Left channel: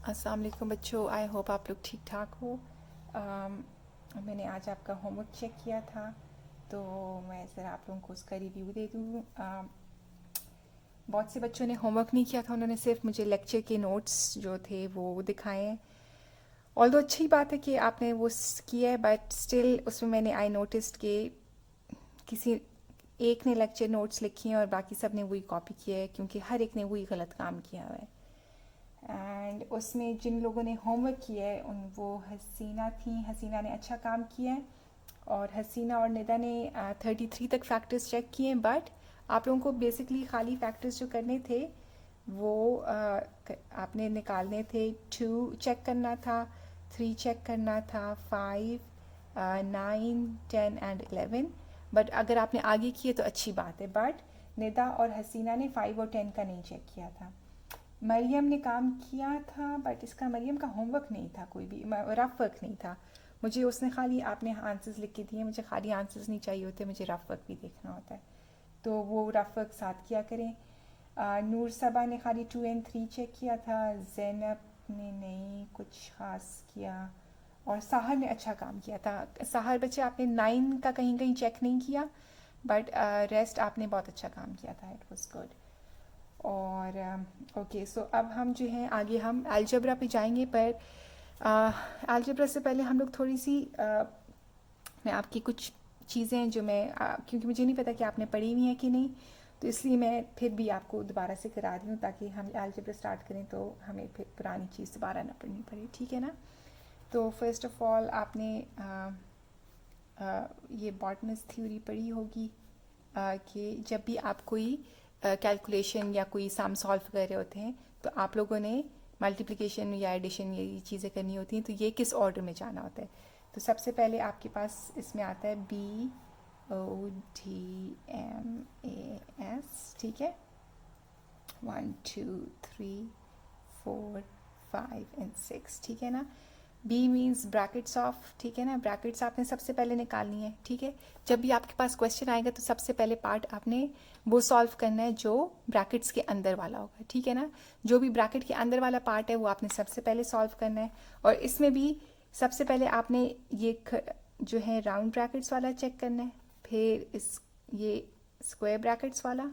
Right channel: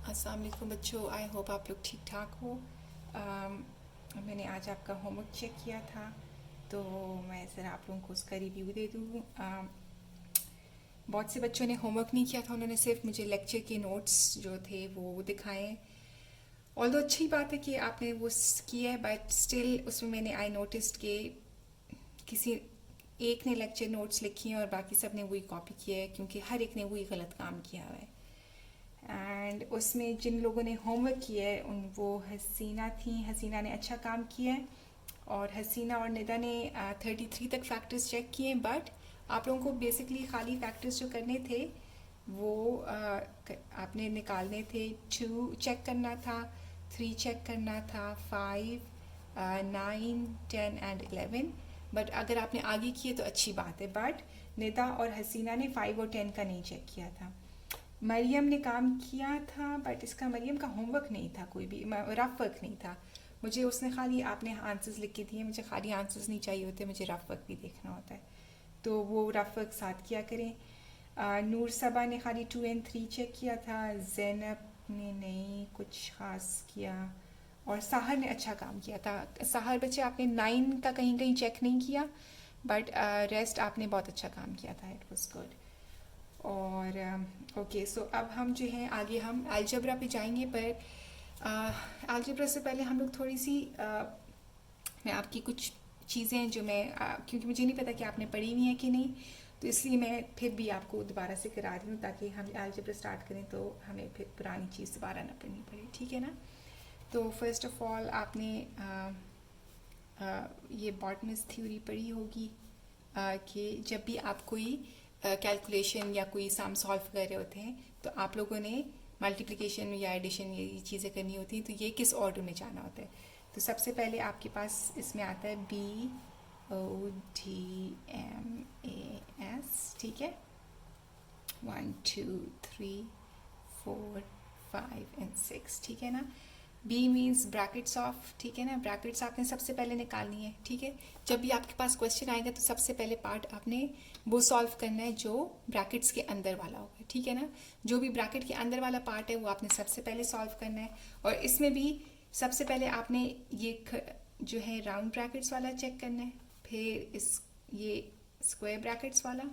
अस्सलाम वालेकुम बच्चों, आई होप आप लोग ठीक ठाक हो। मैंने आज आपका होमवर्क चेक किया था, तो मैं ज़रा आप लोगों को उसका रिव्यू दे दूँ। बहुत से बच्चों ने होमवर्क नहीं किया था, उन्होंने सिर्फ मुझे लेक्चर के नोट्स जो थे वो दिखाए हैं। ऑल्दो अच्छी बात है कि आपने वो किया है, बट स्टिल उसमें मैंने आई नोटिस्ड कि किसी एक ने लेक्चर नोट्स लिखे हैं और बाकी सब ने वही कॉपी किया है, क्योंकि हर एक ने वही गलत काम किया हुआ है। एंड उसमें जिन लोगों ने होमवर्क किया है वो हसीना थी, हसीना ने अच्छा काम किया है, और हसीना और निदा ने 33 तक फैक्टर्स चेक किए हैं। बट आप लोगों को बेसिकली खाली फैक्टर्स जो करने थे वो आपने निकालने थे। 2 चेक करना था, 3 चेक करना था, 5, 9, 10 एंड 11। बट अगर आपने आगे किए तो अच्छी बात है, बट निदा और हसीना ने 5 और 10 का नहीं चेक किया था। मरियम ने काम किया था, बट इसका मरियम का होमवर्क नहीं था, कोई भी रफ वर्क नहीं था। मुझे उसने खाली आपने आंसर्स लिख के दिए, मुझे खाली आंसर्स नहीं चाहिए होते, मुझे रफ वर्क भी देखना होता है, तो वो रफ वर्क साथ किया करें। नूर सबा ने खाली 2 और 3 चेक किया था, जैनब ने नहीं कुछ ख़ास किया, और साहर ने अच्छा काम किया था। साहर बच्चे आपने 9 का कहीं कहीं चेक नहीं किया, बट रेस्ट आपने बहुत अच्छा काम किया था, इट वॉज गुड। और ओके, सो अब हम जो हैं आगे हम अलजबरा पे जाएंगे, पर अलजबरा से पहले हम लोग थोड़ी सी मैं आपकी कुछ चीज़ें जो मैं क्योंकि मुझे नहीं पता कि आपने पढ़ी हुई हैं कि नहीं, तो इसलिए मैं फिर भी आपको दोबारा से करा रही हूँ, ताकि हम अलजबरा स्टार्ट करें तो हमें फिर पुरानी चीज़ दोबारा ना पढ़नी पड़े, ठीक है ना। तो फर्स्ट ऑफ ऑल आपने ये बॉटमिस थ्योरी पढ़ी होगी कि जब भी आप कोई कैलकुलेशन या कोई सम सॉल्व कर रहे होते हैं, तो आप लोगों ने मल्टीप्लिकेशन या एडिशन ये चीज़ें करनी होती हैं, तो ये किस ऑर्डर में जाना होता है। तो सबसे पहले आपके पास इसमें आता है BODMAS, ठीक है, 1 2 3 4 5 एंड 6, ठीक है ना। बी मीन्स ब्रैकेट्स ऑफ, ठीक है ना, ब्रैकेट्स आपने सबसे पहले निकालनी है, ठीक है। जब भी आपके पास क्वेश्चन आएगा तो सबसे पहले पार्ट आपने वो सॉल्व करना है जो ब्रैकेट्स के अंदर वाला होगा, ठीक है ना। जो भी ब्रैकेट के अंदर वाला पार्ट है वो आपने सबसे पहले सॉल्व करना है, और इसमें भी सबसे पहले आपने ये जो है राउंड ब्रैकेट्स वाला चेक करना है, फिर ये स्क्वायर ब्रैकेट्स वाला,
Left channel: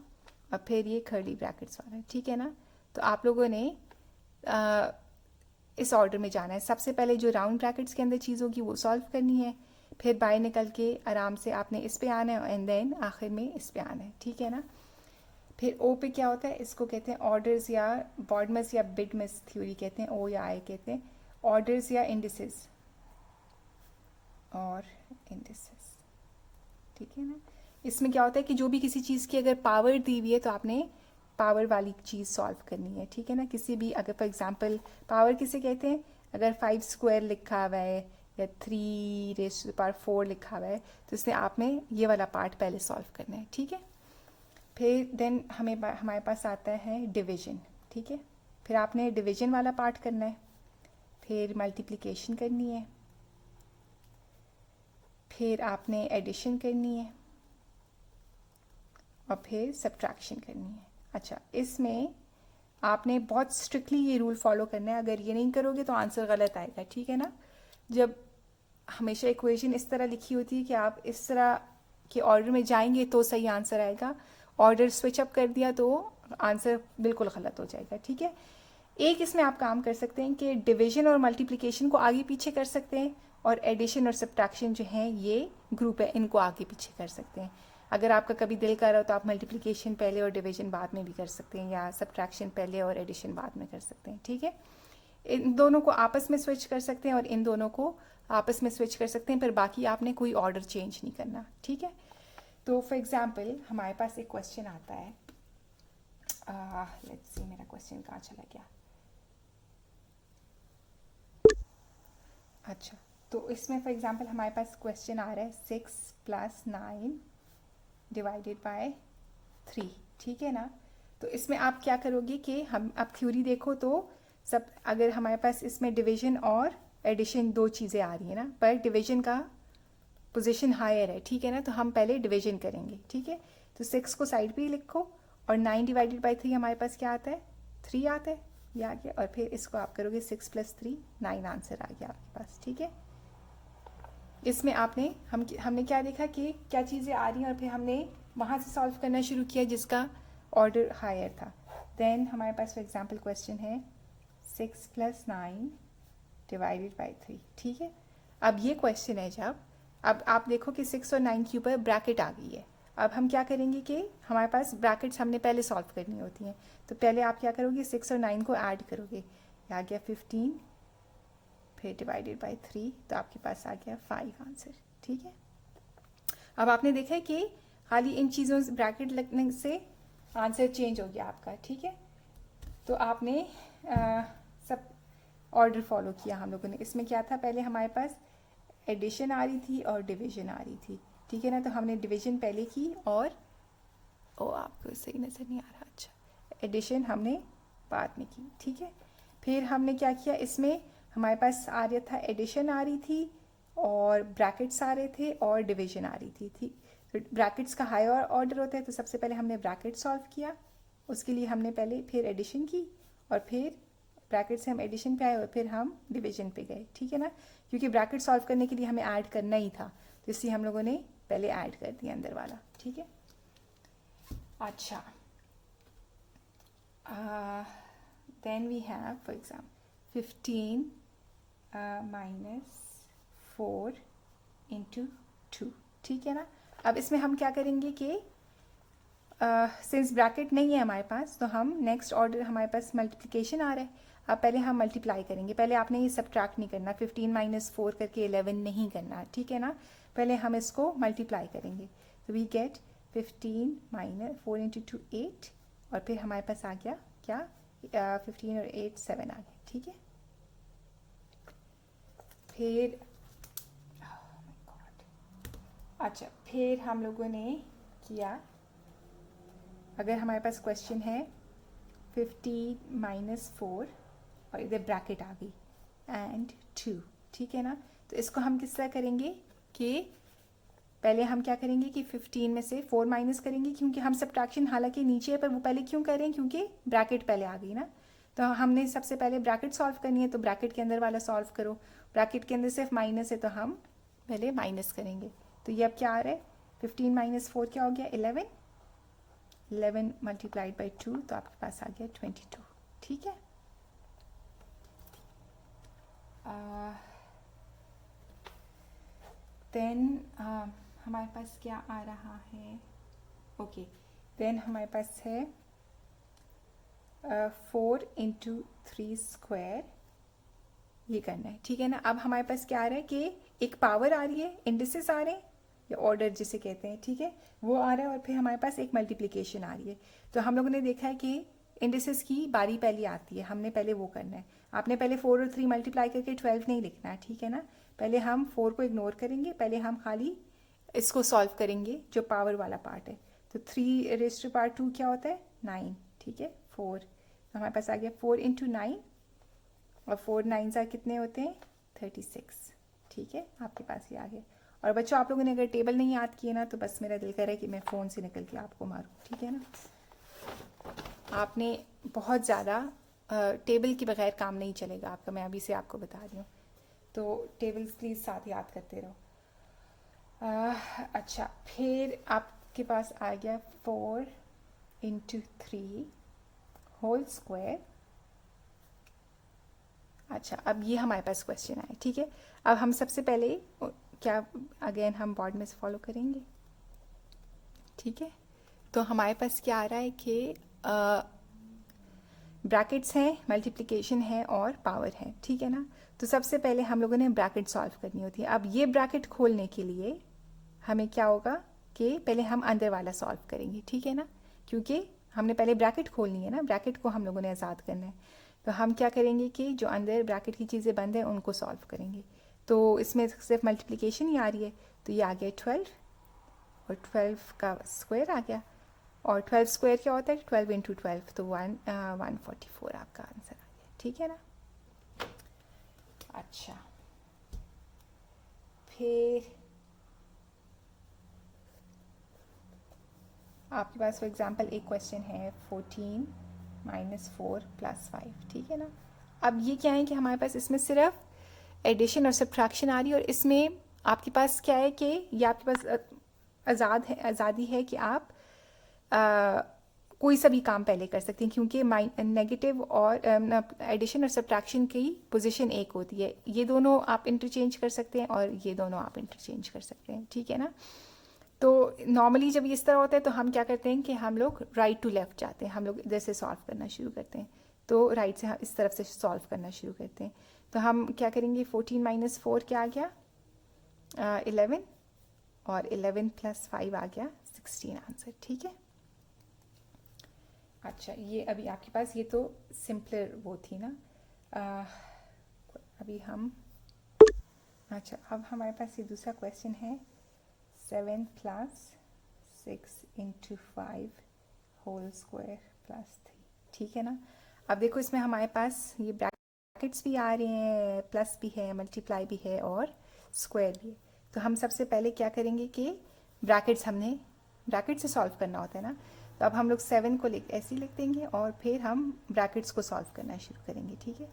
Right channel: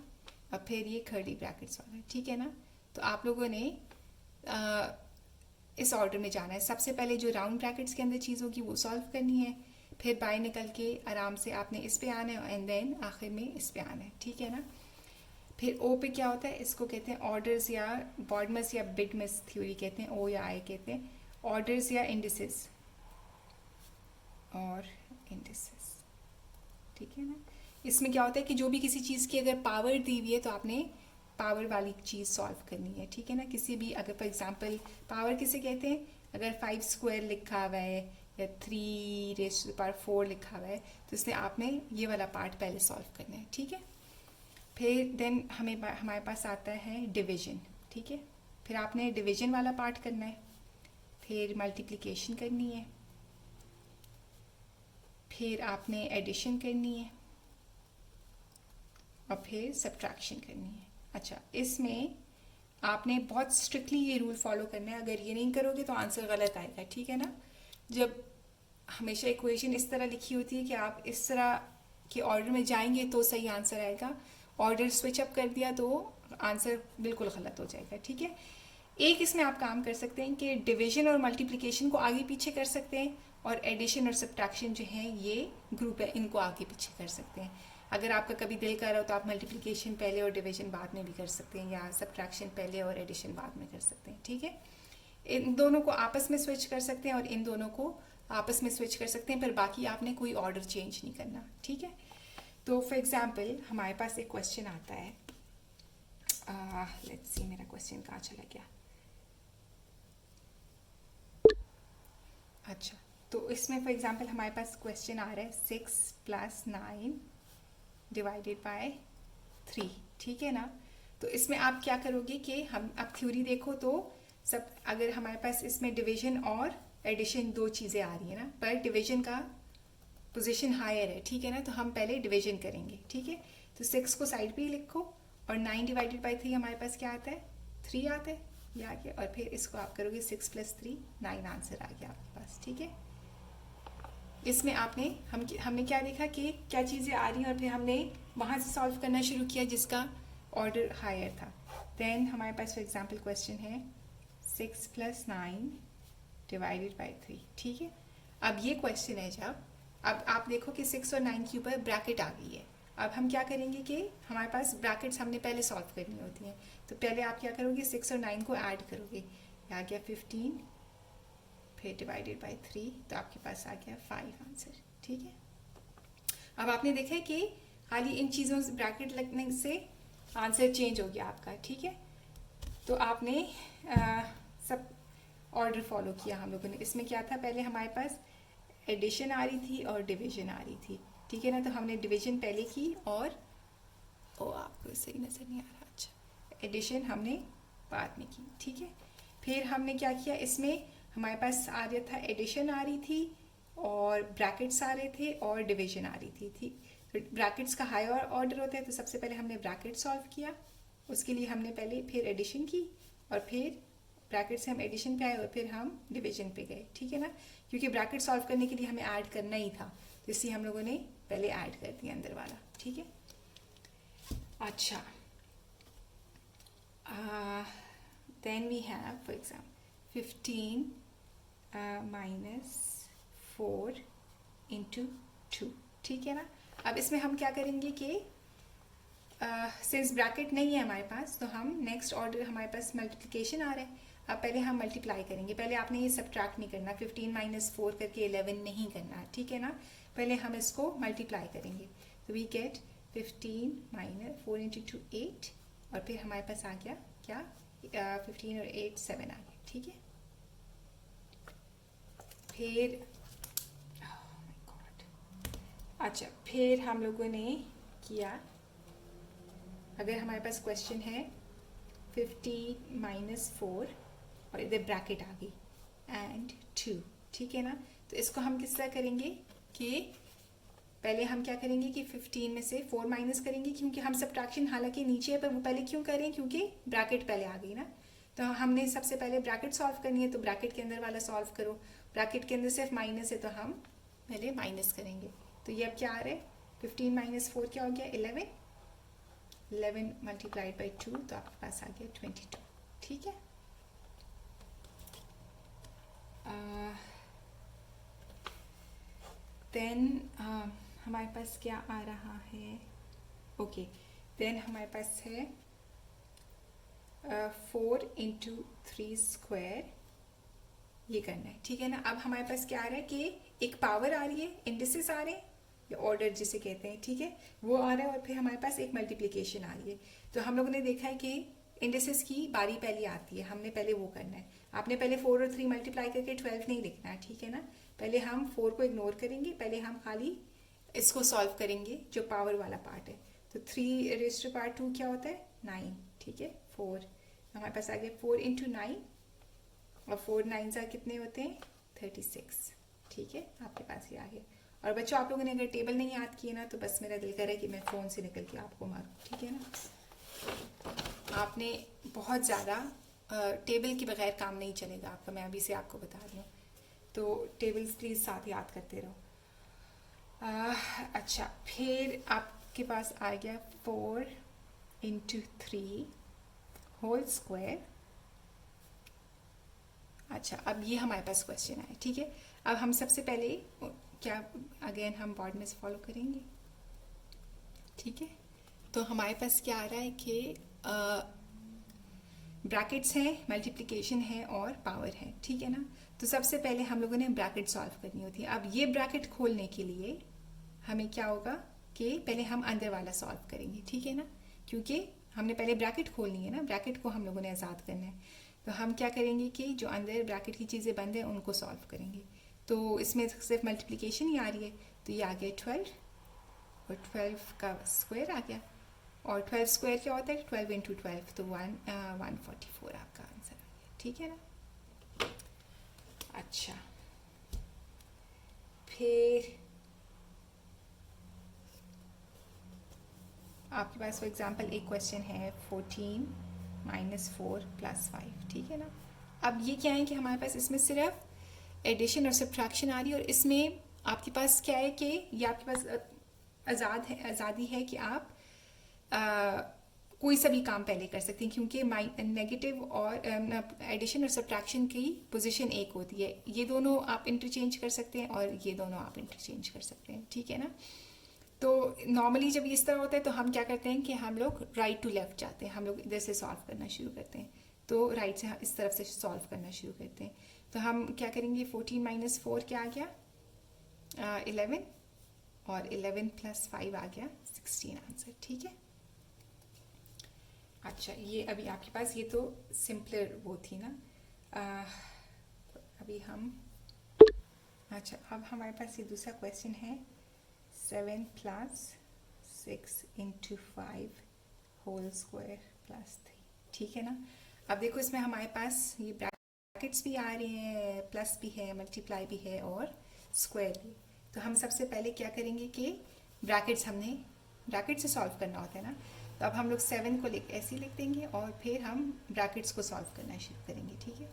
और फिर ये कर्ली ब्रैकेट्स वाला, ठीक है ना। तो आप लोगों ने इस ऑर्डर में जाना है। सबसे पहले जो राउंड ब्रैकेट्स के अंदर चीज़ होगी वो सॉल्व करनी है, फिर बाहर निकल के आराम से आपने इस पे आना है, एंड देन आखिर में इस पे आना है, ठीक है ना। फिर ओ पे क्या होता है, इसको कहते हैं ऑर्डर्स या बॉडमस या बिडमस थ्योरी कहते हैं, ओ या आई कहते हैं, ऑर्डर्स या इंडिसेस, और इंडिसेस, ठीक है ना। इसमें क्या होता है कि जो भी किसी चीज़ की अगर पावर दी हुई है तो आपने पावर वाली चीज़ सॉल्व करनी है, ठीक है ना। किसी भी अगर फॉर एग्जांपल पावर किसे कहते हैं, अगर 5 स्क्वायर लिखा हुआ है या 3⁴ लिखा हुआ है, तो इसमें आपने ये वाला पार्ट पहले सॉल्व करना है, ठीक है। फिर देन हमारे पास आता है डिवीजन, ठीक है। फिर आपने डिवीजन वाला पार्ट करना है, फिर मल्टीप्लिकेशन करनी है, फिर आपने एडिशन करनी है, और फिर सब्ट्रैक्शन करनी है। अच्छा, इसमें आपने बहुत स्ट्रिक्टली ये रूल फॉलो करना है, अगर ये नहीं करोगे तो आंसर गलत आएगा, ठीक है ना। जब हमेशा इक्वेशन इस तरह लिखी होती है कि आप इस तरह के ऑर्डर में जाएंगे तो सही आंसर आएगा, ऑर्डर स्विच अप कर दिया तो आंसर बिल्कुल गलत हो जाएगा, ठीक है। एक इसमें आप काम कर सकते हैं कि डिवीजन और मल्टीप्लिकेशन को आगे पीछे कर सकते हैं, और एडिशन और सब्ट्रैक्शन जो है ये ग्रुप है, इनको आगे पीछे कर सकते हैं। अगर आपका कभी दिल कर रहा हो तो आप मल्टीप्लिकेशन पहले और डिवीजन बाद में भी कर सकते हैं, या सब्ट्रैक्शन पहले और एडिशन बाद में कर सकते हैं, ठीक है। इन दोनों को आपस में स्विच कर सकते हैं और इन दोनों को आपस में स्विच कर सकते हैं, पर बाकी आपने कोई ऑर्डर चेंज नहीं करना, ठीक है। तो फॉर एग्जाम्पल हमारे पास एक क्वेश्चन आता है, लेट्स सी मेरा क्वेश्चन कहाँ चला गया। अच्छा, तो इसमें फॉर एग्जांपल हमारे पास क्वेश्चन आ रहा है 6 + 9 डिवाइडेड बाय 3, ठीक है ना। तो इसमें आप क्या करोगे कि हम अब थ्योरी देखो तो सब, अगर हमारे पास इसमें डिवीजन और एडिशन दो चीज़ें आ रही है ना, पर डिवीजन का पोजीशन हायर है, ठीक है ना, तो हम पहले डिवीजन करेंगे, ठीक है। तो 6 को साइड पे ही लिखो, और 9 डिवाइडेड बाय 3 हमारे पास क्या आता है, 3 आता है, ये आ गया, और फिर इसको आप करोगे 6 + 3 9 आंसर आ गया आपके पास, ठीक है। इसमें हमने क्या देखा कि क्या चीज़ें आ रही हैं, और फिर हमने वहाँ से सॉल्व करना शुरू किया जिसका ऑर्डर हायर था। देन हमारे पास फॉर एग्जांपल क्वेश्चन है 6 + 9 / 3, ठीक है। अब ये क्वेश्चन है, जब अब आप देखो कि 6 और 9 के ऊपर ब्रैकेट आ गई है। अब हम क्या करेंगे कि हमारे पास ब्रैकेट्स हमने पहले सॉल्व करनी होती हैं, तो पहले आप क्या करोगे, 6 और 9 को ऐड करोगे, आ गया 15, फिर / 3, तो आपके पास आ गया 5 आंसर, ठीक है। अब आपने देखा है कि खाली इन चीज़ों से ब्रैकेट लगने से आंसर चेंज हो गया आपका, ठीक है। तो आपने सब ऑर्डर फॉलो किया हम लोगों ने। इसमें क्या था, पहले हमारे पास एडिशन आ रही थी और डिवीजन आ रही थी, ठीक है ना। तो हमने डिवीजन पहले की, और आपको सही नज़र नहीं आ रहा, अच्छा, एडिशन हमने बाद में की, ठीक है। फिर हमने क्या किया, इसमें हमारे पास आ रहा था, एडिशन आ रही थी और ब्रैकेट्स आ रहे थे और डिवीजन आ रही थी। तो ब्रैकेट्स का हायर ऑर्डर होता है, तो सबसे पहले हमने ब्रैकेट सॉल्व किया, उसके लिए हमने पहले फिर एडिशन की, और फिर ब्रैकेट से हम एडिशन पे आए, और फिर हम डिवीजन पे गए, ठीक है ना। क्योंकि ब्रैकेट सॉल्व करने के लिए हमें ऐड करना ही था, तो इसलिए हम लोगों ने पहले ऐड कर दिया अंदर वाला, ठीक है। अच्छा, then we have for example 15 - 4 × 2, ठीक है ना। अब इसमें हम क्या करेंगे कि सिंस ब्रैकेट नहीं है हमारे पास, तो हम नेक्स्ट ऑर्डर, हमारे पास मल्टीप्लिकेशन आ रहा है। अब पहले हम मल्टीप्लाई करेंगे, पहले आपने ये सब्ट्रैक्ट नहीं करना, 15 - 4 करके 11 नहीं करना, ठीक है ना। पहले हम इसको मल्टीप्लाई करेंगे, तो वी गेट 15 - 4 × 2 8, और फिर हमारे पास आ गया क्या, 15 और 8 7 आ गया, ठीक है। फिर अच्छा, फिर हम लोगों ने किया, अगर हमारे पास क्वेश्चन है 50 - 4 और इधर ब्रैकेट आ गई एंड 2, ठीक है ना। तो इसको हम किस तरह करेंगे कि पहले हम क्या करेंगे कि 15 में से 4 माइनस करेंगे, क्योंकि हम सब्ट्रैक्शन हालांकि नीचे है, पर वो पहले क्यों कर रहे हैं, क्योंकि ब्रैकेट पहले आ गई ना। तो हमने सबसे पहले ब्रैकेट सॉल्व करनी है, तो ब्रैकेट के अंदर वाला सॉल्व करो। ब्रैकेट के अंदर सिर्फ माइनस है, तो हम पहले माइनस करेंगे। तो ये अब क्या आ रहा है, 15 - 4 क्या हो गया, 11 × 2, तो आपके पास आ गया 22, ठीक है। देन हमारे पास क्या आ रहा है, ओके, देन हमारे पास है 4 × 3 स्क्वायर, ये करना है, ठीक है ना। अब हमारे पास क्या आ रहा है कि एक पावर आ रही है, इंडिसेस आ रहे हैं, या ऑर्डर जिसे कहते हैं, ठीक है, वो आ रहा है, और फिर हमारे पास एक मल्टीप्लिकेशन आ रही है। तो हम लोगों ने देखा है कि इंडिसेस की बारी पहले आती है, हमने पहले वो करना है। आपने पहले 4 और 3 मल्टीप्लाई करके 12 नहीं लिखना है, ठीक है ना। पहले हम 4 को इग्नोर करेंगे, पहले हम खाली इसको सॉल्व करेंगे जो पावर वाला पार्ट है। तो 3⁻² क्या होता है, 9, ठीक है। 4 हमारे पास आ गया 4 × 9, और 4 9 सा कितने होते हैं, 36, ठीक है, आपके पास ये आ गया। और बच्चों, आप लोगों ने अगर टेबल नहीं याद किए ना, तो बस मेरा दिल कर रहा है कि मैं फ़ोन से निकल के आपको मारूं, ठीक है ना। आपने बहुत ज़्यादा टेबल के बगैर काम नहीं चलेगा आपका, मैं अभी से आपको बता रही हूँ। तो टेबल्स प्लीज़ साथ याद करते रहो। अच्छा, फिर आपके पास आ गया 4 × 3 होल स्क्वायर। अच्छा, अब ये हमारे पास क्वेश्चन आया, ठीक है। अब हम सबसे पहले क्या, अगेन हम बोर्ड में से फॉलो करेंगे, ठीक है। तो हमारे पास क्या आ रहा है कि ब्रैकेट्स हैं, मल्टीप्लिकेशन है और पावर है, ठीक है ना। तो सबसे पहले हम लोगों ने ब्रैकेट सॉल्व करनी होती है। अब ये ब्रैकेट खोलने के लिए हमें क्या होगा कि पहले हम अंदर वाला सॉल्व करेंगे, ठीक है ना, क्योंकि हमने पहले ब्रैकेट खोलनी है ना, ब्रैकेट को हम लोगों ने आज़ाद करना है। तो हम क्या करेंगे कि जो अंदर ब्रैकेट की चीज़ें बंद हैं उनको सॉल्व करेंगे। तो इसमें सिर्फ मल्टीप्लिकेशन ही आ रही है, तो ये आ गया 12, और 12 का स्क्वायर आ गया, और 12 स्क्वायर क्या होता है, 12 × 12, तो 144 आपका आंसर आ गया, ठीक है ना। अच्छा, फिर आपके पास फॉर एग्जांपल एक क्वेश्चन है 14 -4 + 5, ठीक है ना। अब ये क्या है कि हमारे पास इसमें सिर्फ एडिशन और सब्ट्रैक्शन आ रही है, और इसमें आपके पास क्या है कि ये आपके पास आज़ादी है कि आप कोई सा भी काम पहले कर सकते हैं, क्योंकि नेगेटिव और एडिशन और सब्ट्रैक्शन की पोजीशन एक होती है। ये दोनों आप इंटरचेंज कर सकते हैं और ये दोनों आप इंटरचेंज कर सकते हैं, ठीक है ना। तो नॉर्मली जब इस तरह होता है तो हम क्या करते हैं कि हम लोग राइट टू लेफ्ट जाते हैं, हम लोग इधर से सॉल्व करना शुरू करते हैं। तो राइट से हम इस तरफ से सॉल्व करना शुरू करते हैं। तो हम क्या करेंगे, 14 - 4 क्या आ गया, 11, और 11 + 5 आ गया 16 आंसर, ठीक है। अच्छा, ये अभी आपके पास ये तो सिंपलर वो थी ना। अभी हम, अच्छा अब हमारे पास ये दूसरा क्वेश्चन है, 7 + 6 × 5 होल स्क्वायर +3, ठीक है ना। अब देखो इसमें हमारे पास ये ब्रैकेट्स भी आ रहे हैं, प्लस भी है, मल्टीप्लाई भी है और स्क्वायर भी है। तो हम सबसे पहले क्या करेंगे कि हमने ब्रैकेट से सॉल्व करना होता है ना। तो अब हम लोग 7 को ऐसे ही लिख देंगे और फिर हम ब्रैकेट्स को सॉल्व करना शुरू करेंगे, ठीक है।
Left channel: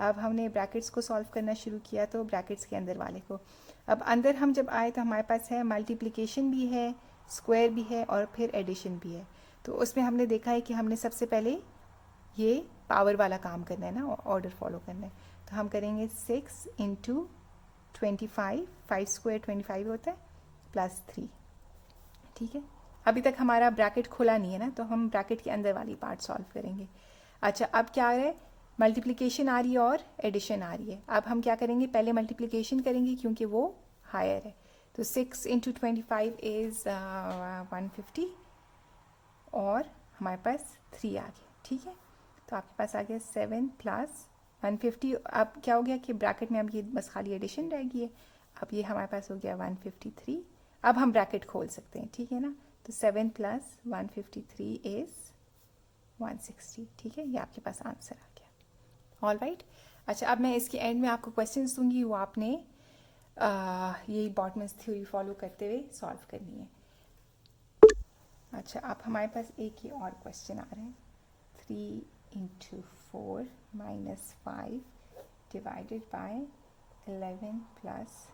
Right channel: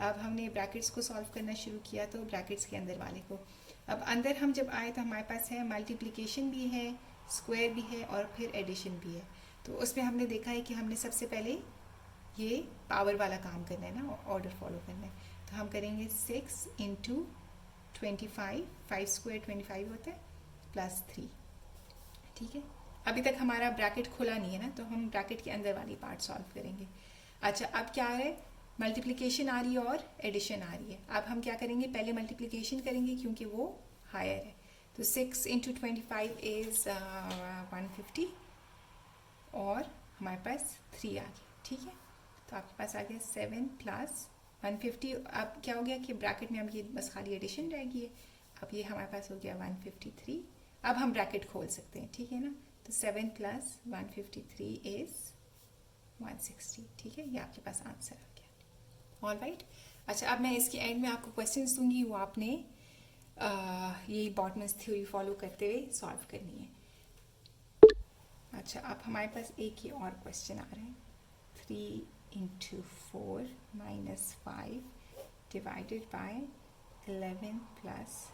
अब हमने ब्रैकेट्स को सॉल्व करना शुरू किया तो ब्रैकेट्स के अंदर वाले को, अब अंदर हम जब आए तो हमारे पास है मल्टीप्लिकेशन भी है, स्क्वायर भी है और फिर एडिशन भी है। तो उसमें हमने देखा है कि हमने सबसे पहले ये पावर वाला काम करना है ना, ऑर्डर फॉलो करना है। तो हम करेंगे 6 × 25, 5 स्क्वायर 25 होता है, +3, ठीक है। अभी तक हमारा ब्रैकेट खुला नहीं है ना, तो हम ब्रैकेट के अंदर वाली पार्ट सॉल्व करेंगे। अच्छा, अब क्या आ रहा है, मल्टीप्लिकेशन आ रही है और एडिशन आ रही है। अब हम क्या करेंगे, पहले मल्टीप्लिकेशन करेंगे क्योंकि वो हायर है। तो 6 × 25 इज़ 150 और हमारे पास 3 आ गया, ठीक है। तो आपके पास आ गया 7 + 150। अब क्या हो गया कि ब्रैकेट में अब ये बस खाली एडिशन रह गई है। अब ये हमारे पास हो गया 153। अब हम ब्रैकेट खोल सकते हैं, ठीक है ना। तो 7 + 153 इज़ 160, ठीक है। ये आपके पास आंसर आ गया, ऑल राइट। अच्छा, अब मैं इसके एंड में आपको क्वेश्चंस दूंगी, वो आपने यही बॉटमन्स थ्योरी फॉलो करते हुए सॉल्व करनी है। अच्छा, अब हमारे पास एक ही और क्वेश्चन आ रहा है, 3 × 4 - 5 डिवाइडेड बाय 11 +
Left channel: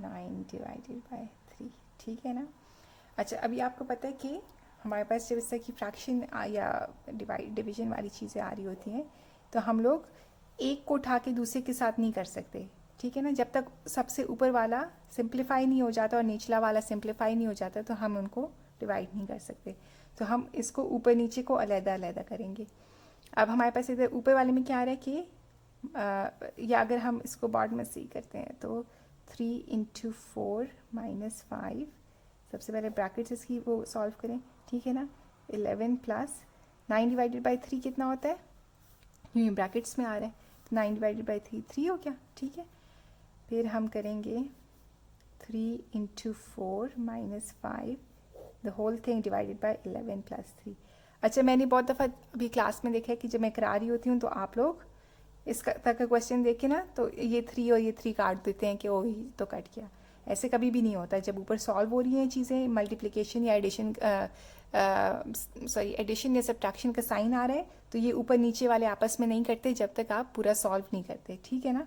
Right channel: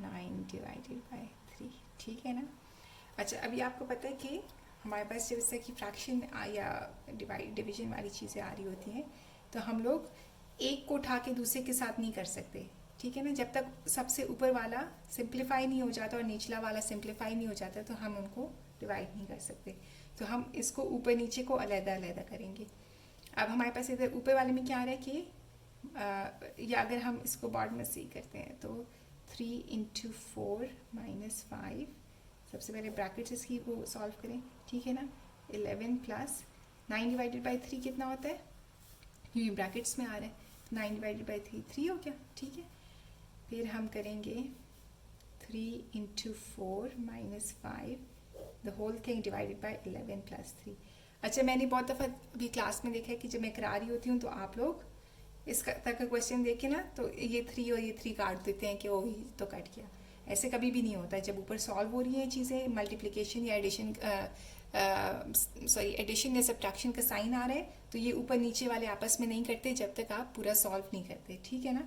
9 डिवाइडेड बाय 3, ठीक है ना। अच्छा, अभी आपको पता है कि हमारे पास जब इस तरह की फ्रैक्शन या डिवीजन वाली चीज़ें आ रही होती हैं तो हम लोग एक को उठा के दूसरे के साथ नहीं कर सकते, ठीक है ना। जब तक सबसे ऊपर वाला सिंप्लीफाई नहीं हो जाता और निचला वाला सिंप्लीफाई नहीं हो जाता तो हम उनको डिवाइड नहीं कर सकते। तो हम इसको ऊपर नीचे को अलग-अलग करेंगे। अब हमारे पास इधर ऊपर वाले में क्या आ रहा है कि या अगर हम इसको बॉटम में से ही करते हैं तो 3 × 4 - 5, सबसे पहले ब्रैकेट्स इसकी वो सॉल्व करें, ठीक है ना। 11 + 9 डिवाइडेड बाय 3 कितना होता है, ये ब्रैकेट्स में आ रहा है, तो 9 डिवाइडेड बाय 3 3 हो गया, ठीक है। फिर हम करेंगे 3 × 4 - 5 the whole thing divided by 11 + 3। अच्छा, मैंने बहुत दफ़ा अभी क्लास में देखा है कि जब मैं करा रही होती हूँ तो आप लोग इसका तक का क्वेश्चन देख के ना तो ये 3 और ये 3 काट देते हैं कि ओ ही तो कट गया। ऐसे कभी भी नहीं होता। जब ऊपर सॉल्व हो रही हैं चीज़ें, मल्टीप्लिकेशन या एडिशन या सब्ट्रैक्शन का साइन आ रहा है तो ये ऊपर नीचे वाले आपस में नहीं करते जब तक आप पूरा सॉल्व नहीं करते, ठीक है ना।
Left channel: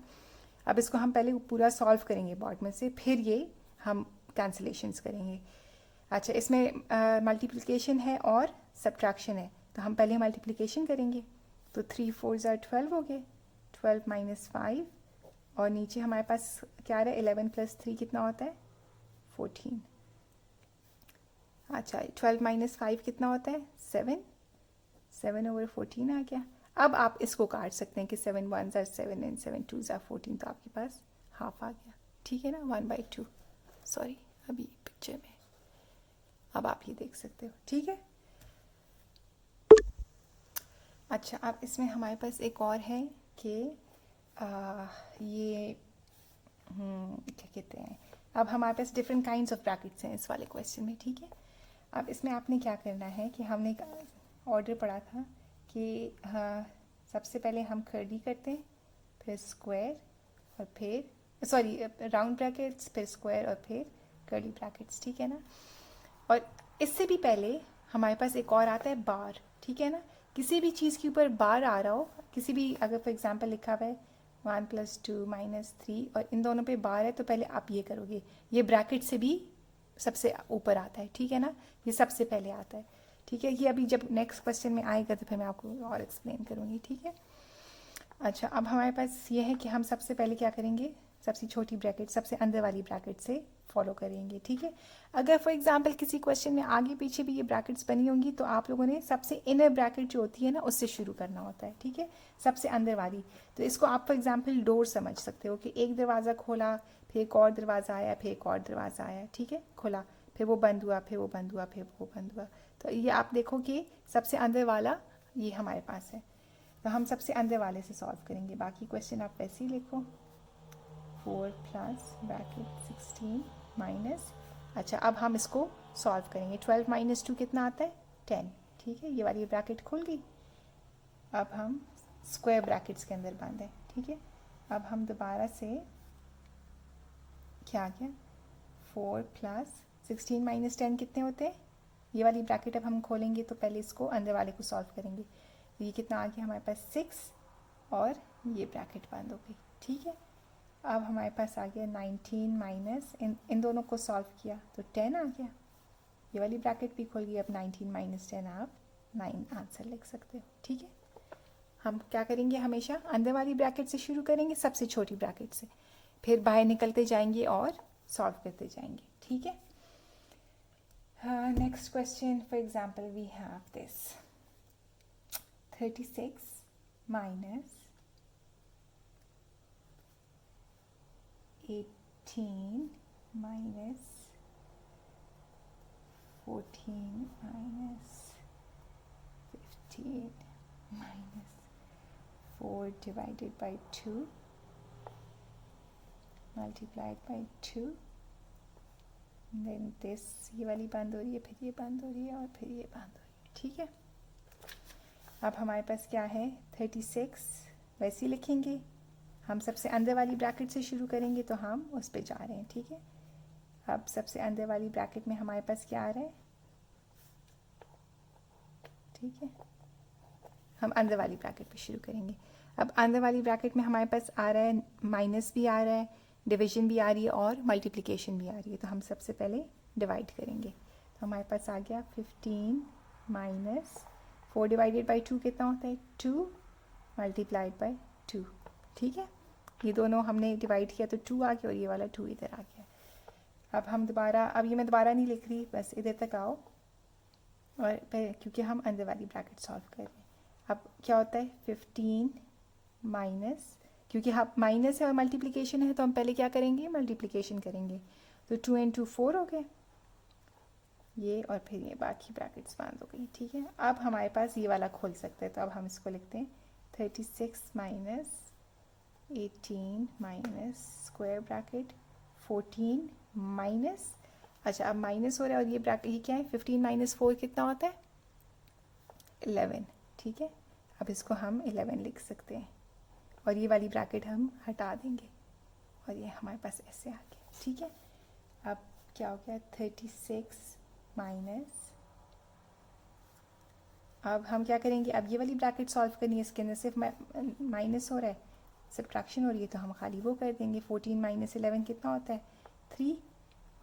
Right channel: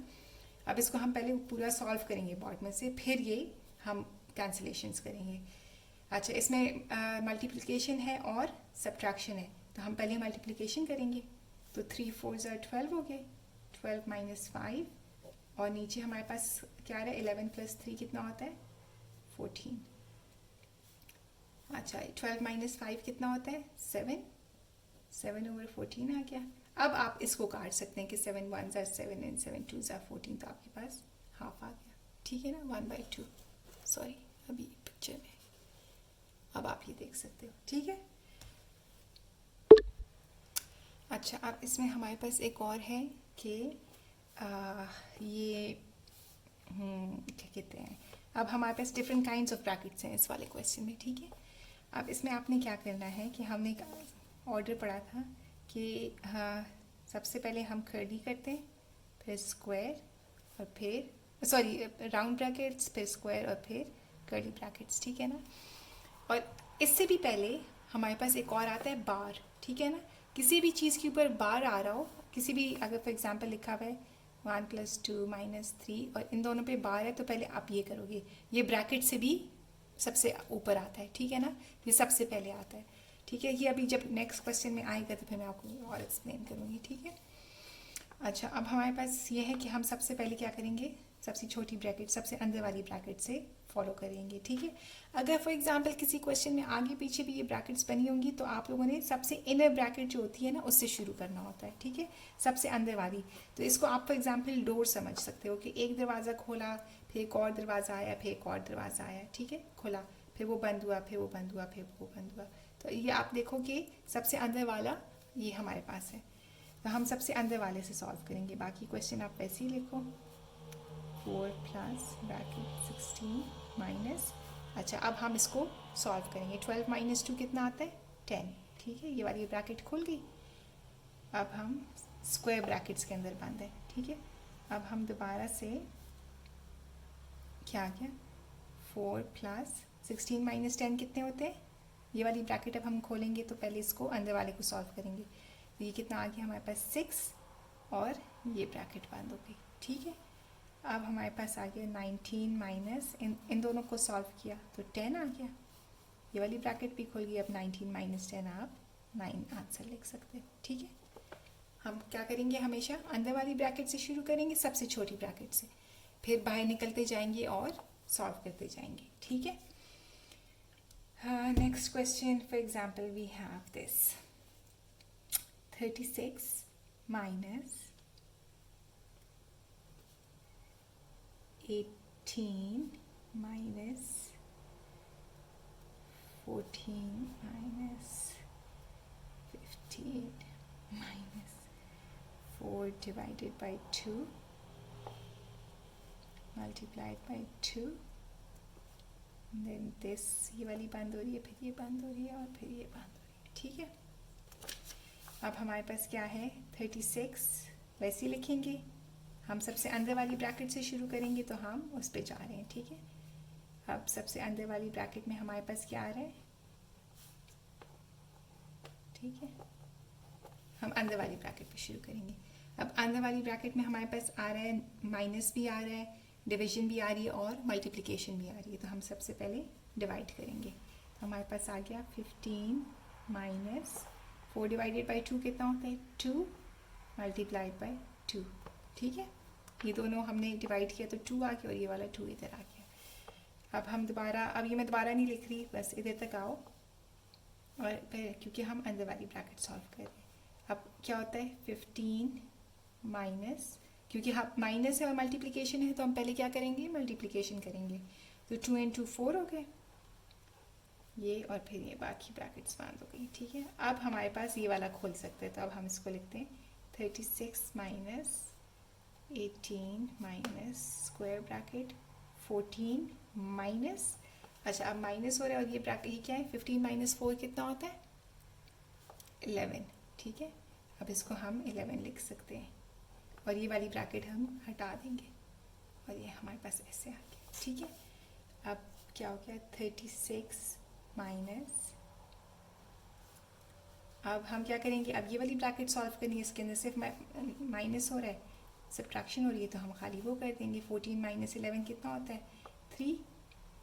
अब इसको हम पहले पूरा सॉल्व करेंगे बोर्ड में से, फिर ये हम कैंसिलेशंस करेंगे। अच्छा, इसमें मल्टीप्लिकेशन है और सब्ट्रैक्शन है, तो हम पहले मल्टीप्लिकेशन करेंगे। तो 3 × 4 = 12 हो गए, 12 - 5 और नीचे हमारे पास क्या आ रहा है, 11 + 3 कितना होता है, 14। अच्छा, 12 - 5 कितना होता है, 7, 7/14 आ गया। अब आप इसको काट सकते हैं कि 7 1s are 7 and 7 2s are 14, तो आपके पास हाफ आ गया, ठीक है ना, 1/2। सॉरी, अभी पिक्चर में, अब आप ये देख सकते हो, ठीक है। अच्छा, अब इसमें हमारे पास एक और है कि ये क्या कहते हैं, अब हमारे पास डिफरेंट काइंड्स ऑफ ब्रैकेट्स हैं इस वाले क्वेश्चन में, ठीक है। अब इसमें आपने क्या करना है कि हमने एक ऑर्डर पढ़ा था कि सबसे पहले हम कर्ली करते हैं, फिर स्क्वायर और फिर सॉरी राउंड ब्रैकेट्स, फिर स्क्वायर और फिर कर्ली ब्रैकेट्स, ठीक है ना। और इससे भी पहले हमारे पास एक और आता है बार, ठीक है ना। किसी भी चीज़ के ऊपर बार आ रहा हो, किसी भी, अगर फॉर एग्जांपल लिखा हुआ है 1 + 2 - 3 और इन दोनों पे बार है, तो पहले आप ये करोगे, ये ब्रैकेट से भी सबसे ऊपर आता है, ठीक है ना, ये सबसे पहले आता है, ठीक है। ये अभी जब नेक्स्ट क्वेश्चन में आएगा तो फिर मैं आपको और एक्सप्लेन करूँगी, ठीक है। अच्छा, अब हमारे पास ये है कि हम सबसे पहले क्या करेंगे, सबसे छोटी ब्रैकेट, सबसे अंदर वाली ब्रैकेट से फॉलो करेंगे, ठीक है। अगर फॉर एग्जांपल किसी क्वेश्चन में आगे पीछे भी ये ब्रैकेट्स बनी होंगी तो आप लोगों ने सबसे इनर ब्रैकेट जो होती है ना उससे शुरू करना होता है, ठीक है, सबसे अंदर वाली। तो इसको आप फॉर एग्जांपल डोर समझ सकते हो कि एक दरवाज़ा खोला, फिर एक और दरवाज़ा आया, फिर एक और दरवाज़ा आया, ठीक है, खुला, फिर वो बंद हुआ, फिर वो बंद हुआ, फिर वो बंद हुआ। तो ये आप देखो कि सबसे अंदर वाला ये हमारे पास है, तो हम सबसे अंदर वाले से सॉल्व करेंगे। बाकी क्वेश्चन आप वैसे ही लिखो, 4 प्लस ब्रैकेट 16 माइनस, अच्छा अब हम इसको सॉल्व करेंगे। 12 - 2 कितना आता है, 10, ठीक है, ये वाली ब्रैकेट खुल गई। अब हम स्क्वायर ब्रैकेट्स के अंदर बंद है, ठीक है। अब हम दोबारा से क्या आ गया, 4 प्लस 16 माइनस 10 कितने होते हैं, ये वाली ब्रैकेट अब हम खोलेंगे तो पहले इसको अंदर वाले को सॉल्व करेंगे। तो ये कितना आ गया हमारे पास 6 और ये ब्रैकेट बंद हो गई, ठीक है। अब हमारे पास आ गया 19 माइनस इन दोनों को सॉल्व किया तो 10 आ गया, ये वाली ब्रैकेट भी खुल गई। अब 19 माइनस 10 आप 9 आंसर लिख सकते हो, ठीक है। हम क्या करेंगे, हमेशा अंदर वाली ब्रैकेट से शुरू करेंगे, सबसे छोटी ब्रैकेट से, फिर बाहर निकलते जाएंगे और सॉल्व करते जाएंगे, ठीक है। Next question, for example we have this 36 minus 18 minus 14 minus 15 minus 4 divided by 2 multiplied by 2, then this, ये वाली बंद हो रही है, फिर ये बंद हो रही है और फिर ये बंद हो रही है, ठीक है। अब हमारे पास क्या है, 36 वैसे ही लिखेंगे, हम सबसे अंदर वाली ब्रैकेट से शुरू करेंगे तो हम उस पे जा रहे हैं, ठीक है। अब सबसे अंदर वाली ब्रैकेट में हमारे पास क्या आ रहा है, ठीक है, हम अंदर वाली ब्रैकेट पे शुरू करेंगे। अब अंदर वाली ब्रैकेट में हमारे पास आ रहा है, माइनस भी आ रहा है, डिवीजन भी आ रही है और मल्टीप्लिकेशन भी आ रही है। तो हम सबसे पहले डिवाइड करेंगे, तो हमारे पास आ गया 15 माइनस 4 डिवाइडेड बाई 2 कितना होता है, 2 मल्टीप्लाइड बाई 2, ठीक है। ये दोनों हमने डिवाइड किया तो 2 आ गया और ये वाला 2 इधर आ गया। अब हम दोबारा, अब ये मैं दोबारा नहीं लिख रही, बस इधर तक आओ, और क्योंकि हम अंदर वाली ब्रैकेट सॉल्व कर रहे हैं। अब क्या होता है, 15 माइनस, क्योंकि हम माइनस है और मल्टीप्लिकेशन है तो हम पहले क्या करेंगे, मल्टीप्लिकेशन करेंगे। तो 2 × 2 4 हो गए ये, और फिर ये बाकी ब्रैकेट्स बंद हो गई, ठीक है। अब हमारे पास ये वाला खोल सकते हैं, तो अब हम इसको लिखते हैं 36 minus 18 minus square bracket 14 minus, अच्छा अब माइनस हो रहा है और ये ब्रैकेट ही क्या है, 15 माइनस 4 कितना होता है, 11, ठीक है। अब इसको हम 11 लिख सकते हैं और ये वाली ब्रैकेट हम हटा देंगे और ये हमारे पास ऐसे आ गया, ठीक है। अब क्या हो गया, 36 माइनस, अब हम क्या करेंगे, अब ये वाली ब्रैकेट सॉल्व करनी है, इसके अंदर सिर्फ माइनस हो रहा है, सब्ट्रैक्शन हो रही है, तो हम खाली वो कर देंगे। 14 माइनस 11 कितना होता है, 3,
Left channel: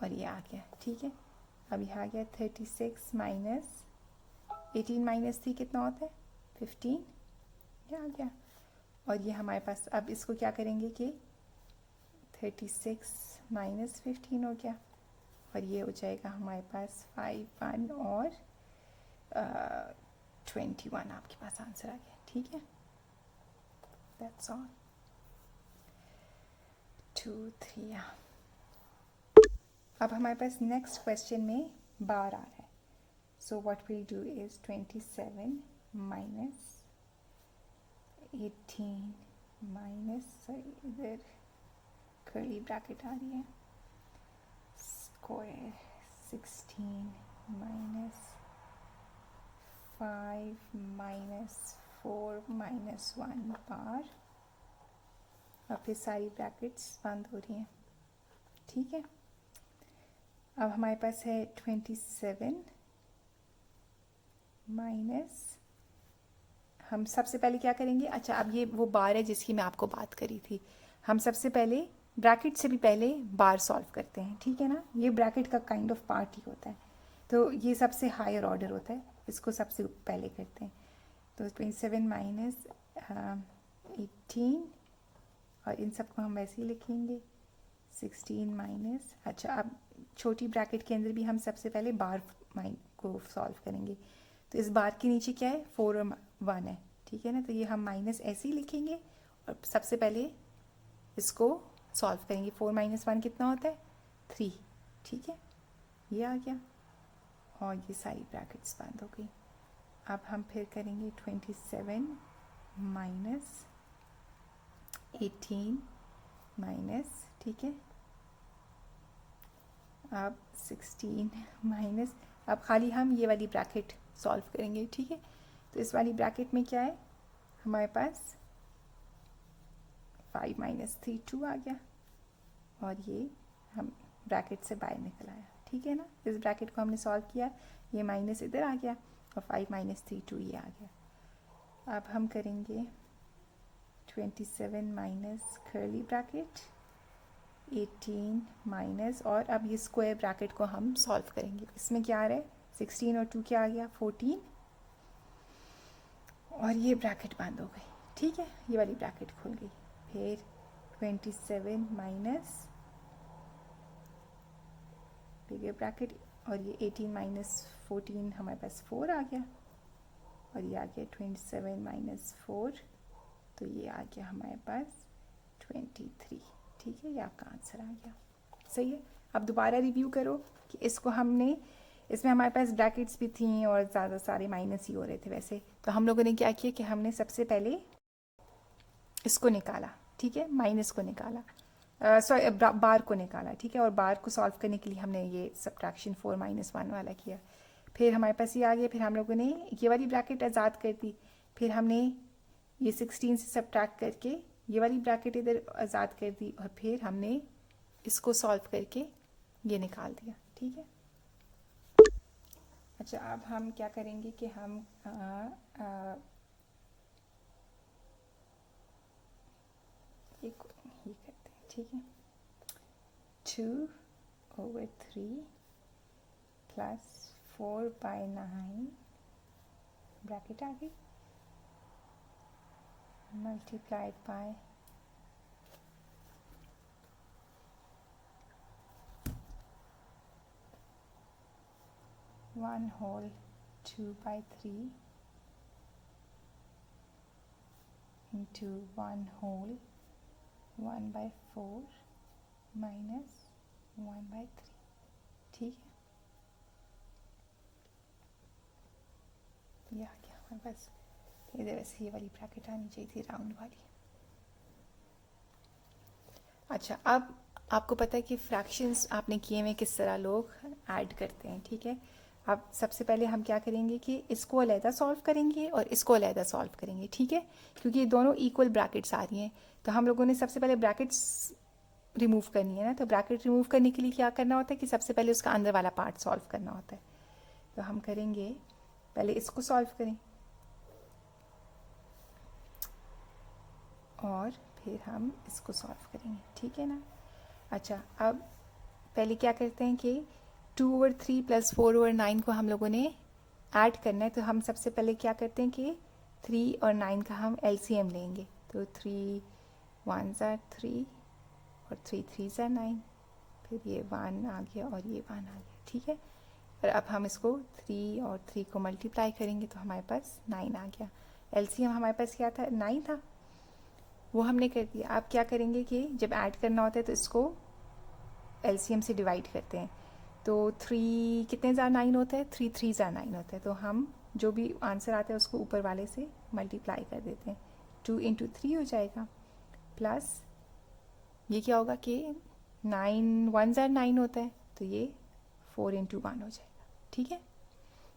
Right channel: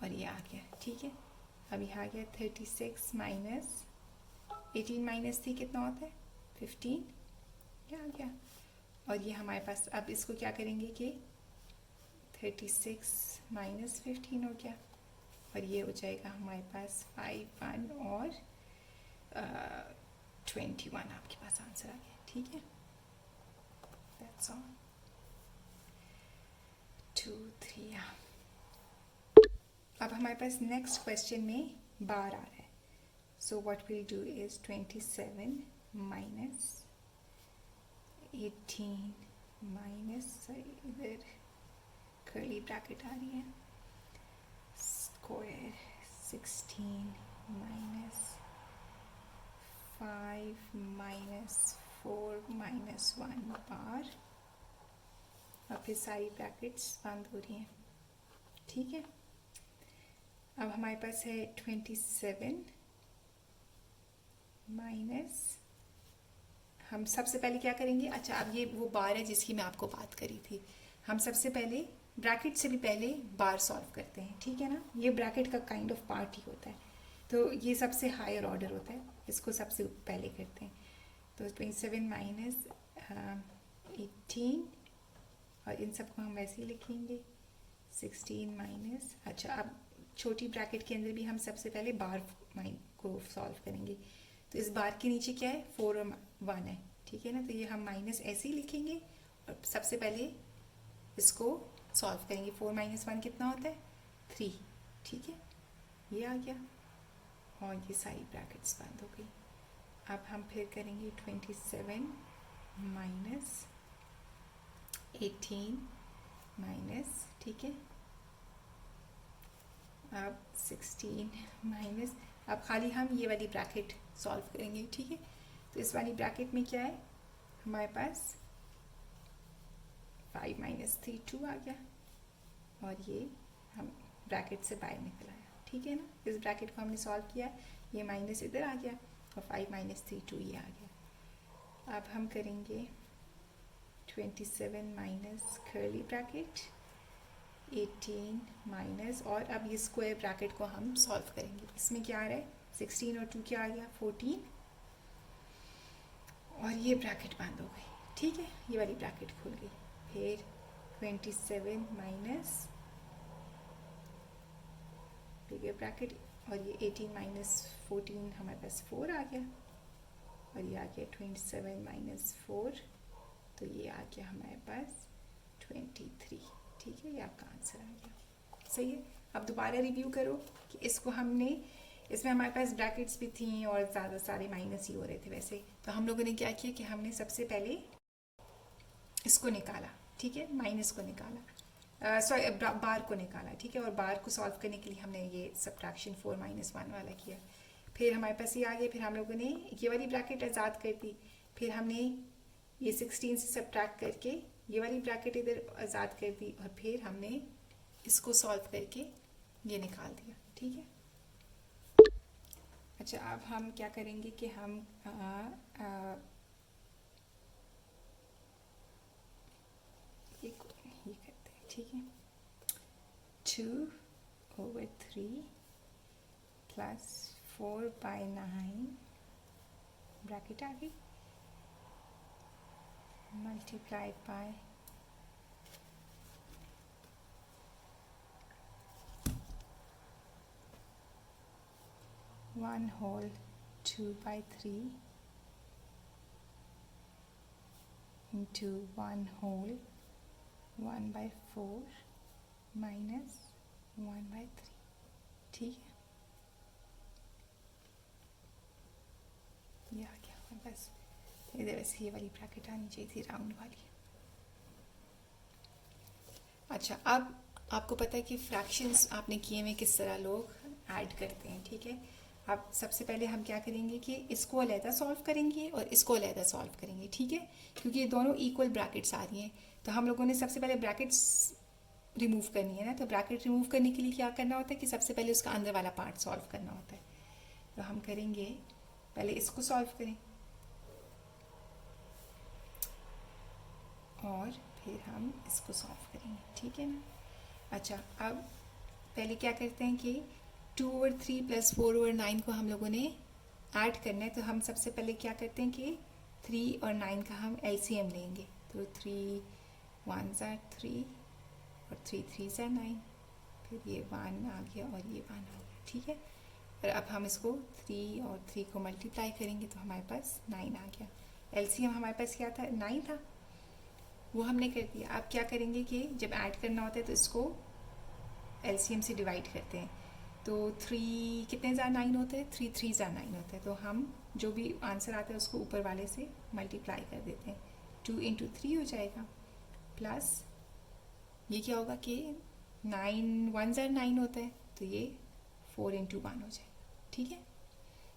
और ये आ गया, ठीक है। अब ये आ गया 36 माइनस 18 माइनस 3 कितना होता है, 15, ये आ गया। और ये हमारे पास, अब इसको क्या करेंगे कि 36 माइनस 15 हो गया और ये हो जाएगा हमारे पास 5 1 और 21 आपके पास आंसर आ गया, ठीक है। That's all, 2 3। अब हमारे पास नेक्स्ट क्वेश्चन में बार आ रहा है, so what will do is 27 minus 18 minus, इधर कर्ली ब्रैकेट आ रही है, स्क्वायर 16 माइनस 5 माइनस 4 माइनस 1 बार, और फिर सारी ब्रैकेट्स बंद हो रही हैं, ठीक है। अब हमारे पास है 27 माइनस हम सबसे पहले क्या करेंगे, अच्छा अब ये वो बार है जिसकी मैं आपको बात करी थी। हम सबसे पहले ब्रैकेट से भी पहले बार सॉल्व करते हैं, ठीक है ना। ये ब्रैकेट का काइंड ऑफ पार्ट ही होता है, तो ये सबसे हायर ऑर्डर होता है, इसको सबसे पहले करते हैं। तो 27 माइनस 18, और इन सबको हम वैसे ही लिखेंगे 16 माइनस, अच्छा अब छोटी ब्रैकेट के अंदर भी हम सबसे पहले बार को सॉल्व करेंगे। तो इस बार के नीचे क्या है, 4 और 1 है, ठीक है ना। तो ये हम माइनस ऐसे ही लिखेंगे और सबसे पहले इसको सॉल्व करेंगे। 4 माइनस 1 कितना होता है, 3, ठीक है, ये आ गया और ये सारी ब्रैकेट्स बंद हो गई। अब हम फिर करेंगे 27 माइनस 18 माइनस, ठीक है, अब 16 माइनस, अब खाली हम ये वाली ब्रैकेट सॉल्व करेंगे, ठीक है। तो इस वाली ब्रैकेट में क्या है हमारे पास, 5 माइनस 3 2 आ गया, और ये हम ब्रैकेट से बाहर निकल आया, ठीक है ना। इस ब्रैकेट को हमने सॉल्व किया, ये माइनस इधर आ गया और 5 माइनस 3 2 ये आ गया। अब हम करेंगे 27 माइनस कर्ली ब्रैकेट 18 माइनस, और अब ये स्क्वायर ब्रैकेट को हम सॉल्व करेंगे। इसमें क्या आ रहा है, 16 और 2 क्या आ गया, 14, और ये ब्रैकेट बंद हो गई, ठीक है, ये वाली ब्रैकेट खुल गई। फिर 27 माइनस बिगर ब्रैकेट, और ये 18 माइनस 14 हमारे पास 4 आ गया, और ये आ गया 27 माइनस 4, तो ये आ गया हमारे पास 23, ठीक है, ये आपका आंसर आ गया, सही है। अब दोबारा रिव्यू करो कि इसको हमने, इसमें हमारे पास ब्रैकेट्स भी थी और ज़्यादा सारे माइनस ही हो रहे थे वैसे। तो हम लोगों ने क्या किया कि हमने सबसे पहले इसको निकाला, ठीक है, माइनस को निकाला, सॉरी बार को निकाला, ठीक है, और बार को सॉल्व करने के लिए हमने ये सब्ट्रैक्शन 4 माइनस 1 वाला किया। फिर हमारे पास ये आ गया, फिर हम लोगों ने ये वाली ब्रैकेट आज़ाद कर दी, फिर हमने ये 16 से सब्ट्रैक्ट करके ये वाली ब्रैकेट इधर आज़ाद कर दी, और फिर हमने इसको सॉल्व करके ये निकाल दिया, ठीक है। अच्छा अब हम क्या करेंगे कि हम ये करते हैं, ठीक है, 2/3 प्लस 4/9 ब्रैकेट आ गई, multiplied by 1 whole 2/3 into 1 whole 1/4 minus 1/3, ठीक है, ये आ गया। बस इधर वैसे ये वाली ब्रैकेट आनी चाहिए थी, राउंड वाली। अच्छा अब आपको पता है कि फ्रैक्शंस आपने किए हुए किस तरह लोग ऐड करते हैं, ठीक है। अब सबसे पहले हम क्या करेंगे कि इसको अलहदा सॉल्व करेंगे और इसको अलहदा सॉल्व करेंगे, ठीक है, क्योंकि ये दोनों इक्वल ब्रैकेट्स आ रही हैं। तो हम लोगों ने सबसे पहले ब्रैकेट्स रिमूव करनी है ना, तो ब्रैकेट रिमूव करने के लिए क्या करना होता है कि सबसे पहले उसका अंदर वाला पार्ट सॉल्व करना होता है। तो हम करेंगे पहले इसको सॉल्व करें और फिर हम इसको सॉल्व करेंगे, ठीक है ना। अच्छा अब पहले क्या करते हैं कि 2/3 प्लस 4/9 को हम लोगों ने ऐड करना है। तो हम सबसे पहले क्या करते हैं कि 3 और 9 का हम LCM लेंगे। तो 3 1s are 3 और 3 3s are 9, फिर ये 1 आ गया और ये 1 आ गया, ठीक है। और अब हम इसको 3 और 3 को मल्टीप्लाई करेंगे तो हमारे पास 9 आ गया। LCM हमारे पास क्या था, 9 था, वो हमने कर दिया। अब क्या करेंगे कि जब ऐड करना होता है तो इसको LCM से डिवाइड करते हैं। तो 3 कितने ज़ार 9 होता है, 3 3 ज़ार 9 होता है। तो हम जो भी आंसर आता है उसको ऊपर वाले से मल्टीप्लाई कर देते हैं। 2 × 3 हो जाएगा, प्लस ये क्या होगा कि 9 1 ज़ार 9 होता है, तो ये 4 × 1 हो जाएगा, ठीक है।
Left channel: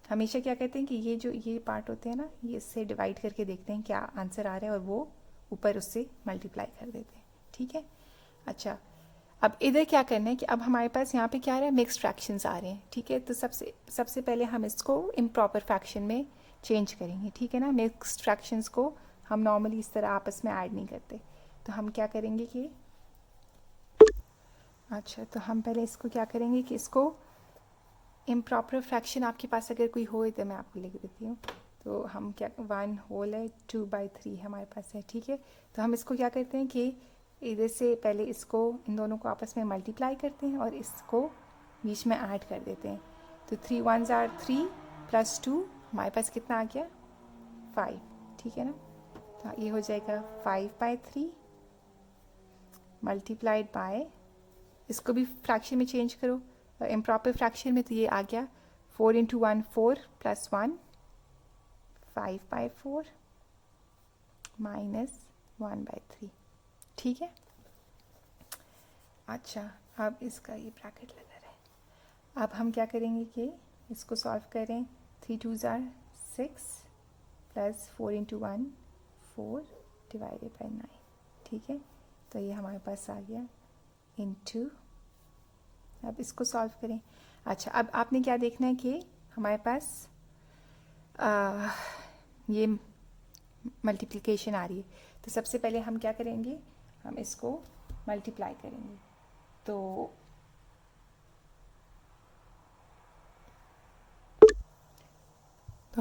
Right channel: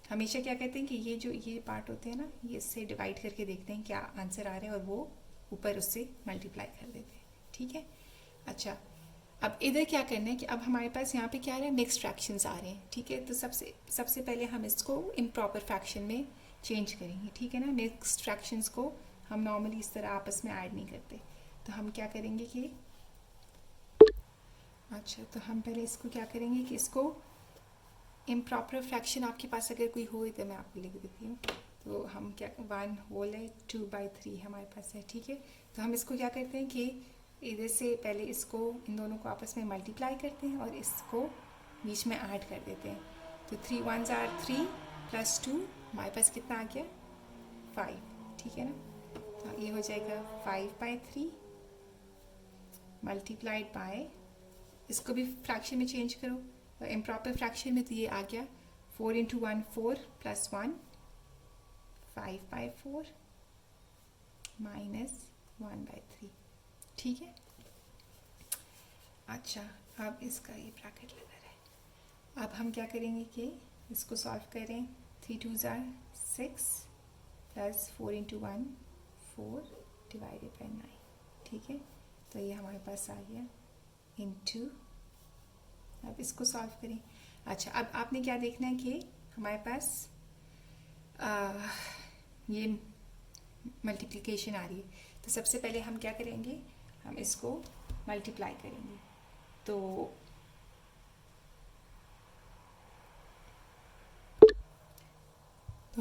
हमेशा क्या कहते हैं कि ये जो ये पार्ट होते हैं ना, ये इससे डिवाइड करके देखते हैं क्या आंसर आ रहा है और वो ऊपर उससे मल्टीप्लाई कर देते हैं, ठीक है। अच्छा अब इधर क्या करना है कि अब हमारे पास यहाँ पे क्या आ रहा है, मिक्स्ड फ्रैक्शंस आ रहे हैं, ठीक है। तो सबसे पहले हम इसको इम्प्रॉपर फ्रैक्शन में चेंज करेंगे, ठीक है ना। मिक्स्ड फ्रैक्शंस को हम नॉर्मली इस तरह आपस में ऐड नहीं करते। तो हम क्या करेंगे कि अच्छा, तो हम पहले इसको क्या करेंगे कि इसको इम्प्रॉपर फ्रैक्शन आपके पास अगर कोई हो तो मैं आपको लिख देती हूँ। तो हम क्या 1 होल है 2/3 हमारे पास है, ठीक है। तो हम इसको क्या करते हैं कि इधर से पहले इसको इन दोनों को आपस में मल्टीप्लाई करते हैं और इसको बीच में ऐड कर देते हैं। तो 3 1s are 3 + 2 हमारे पास कितना आ गया 5, ठीक है ना। तो ये हो जाएगा 5/3 मल्टीप्लाइड बाय, इसको भी फ्रैक्शन में चेंज करो, इम्प्रॉपर फ्रैक्शन में तो ये आ गया 4 × 1 4 + 1 5/4 -1/3, ठीक है। अच्छा, अब इसका ये ब्रैकेट लगा रहा है। अब हम क्या करेंगे कि इसको सॉल्व करें। 3 2s are 6 + 4 × 1 4 / 9, ठीक है। तो ये हमारे पास आ गया इंटू, अब इसको सॉल्व करें। अच्छा, अब आपने क्या देखना है कि हमारे पास ये मल्टीप्लिकेशन आ रही है। तो सबसे पहले हम क्या करेंगे, हम इसको मल्टीप्लाई करेंगे। तो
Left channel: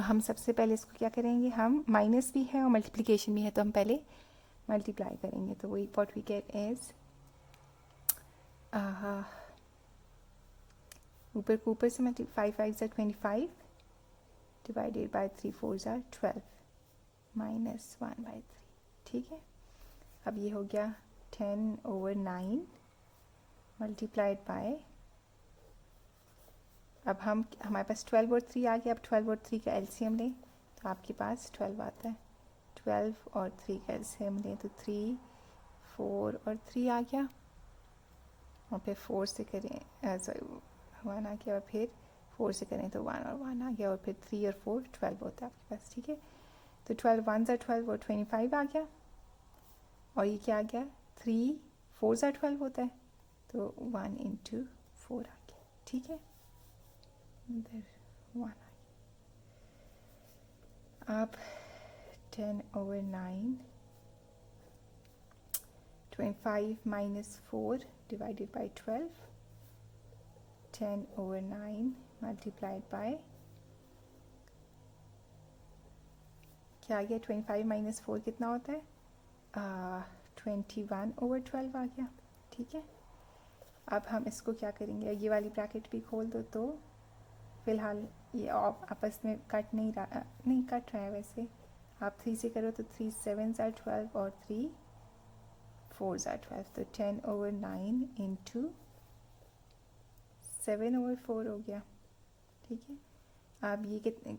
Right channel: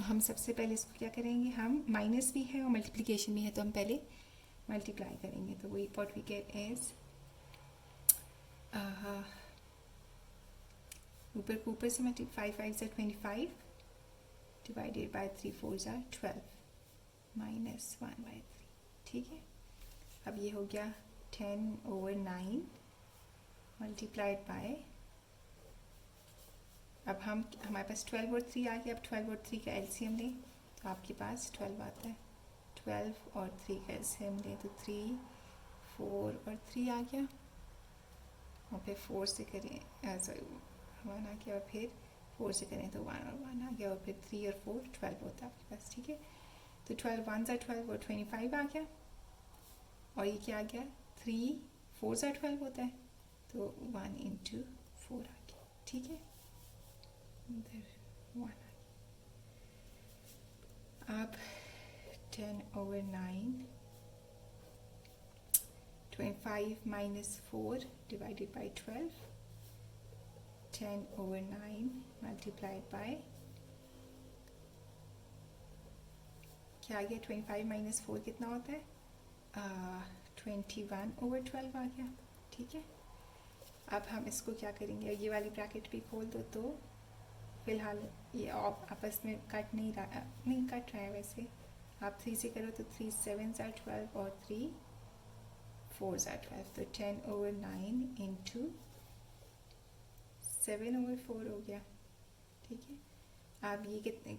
हम सबसे पहले इसको क्या करेंगे, हम माइनस भी है और मल्टीप्लिकेशन भी है, तो हम पहले मल्टीप्लाई करेंगे। तो वही व्हाट वी गेट इज ऊपर को ऊपर से मैं 5 5s are 25 divided by 3 4s are 12 -1/3, ठीक है। अब ये हो गया 10/9 मल्टीप्लाइड बाय, अब हम हमारे पास 12 और 3 आ गया। अब 12 और 3 का एलसीएम लें तो आपके पास 12 आता है। 12 और 3 का एलसीएम लें तो 3 4 और 3 आ गया, और फिर 4 से करें सॉरी 1 आ गया, और फिर 4 से करें तो 1 और 1 आ गया, और फिर 3 और 4 12 होता है आपके पास, ठीक है। तो 12 1s are 12 और 25 आ गया, और ये क्या आ गया 3 4s are 12 होता है, तो 1 × 4 आ गया, ठीक है। इधर 1 आ गया। अब 10/9 25 - 4 डिवाइडेड बाय 12 10/9 मल्टीप्लाइड बाय क्या आ गया 25 - 4 कितना होता है 21/12 आ गया, ठीक है। अब हम इसको क्या करेंगे, ये वाली ब्रैकेट भी खोल दो। तो फिलहाल ये आपस में कट नहीं रहा, नहीं कट रहा है वैसे। आप 3 से करो तो 3 7s are 12 और 3 4s are 12, तो 10/9 × 7/4 हो गया, ठीक है। अब ये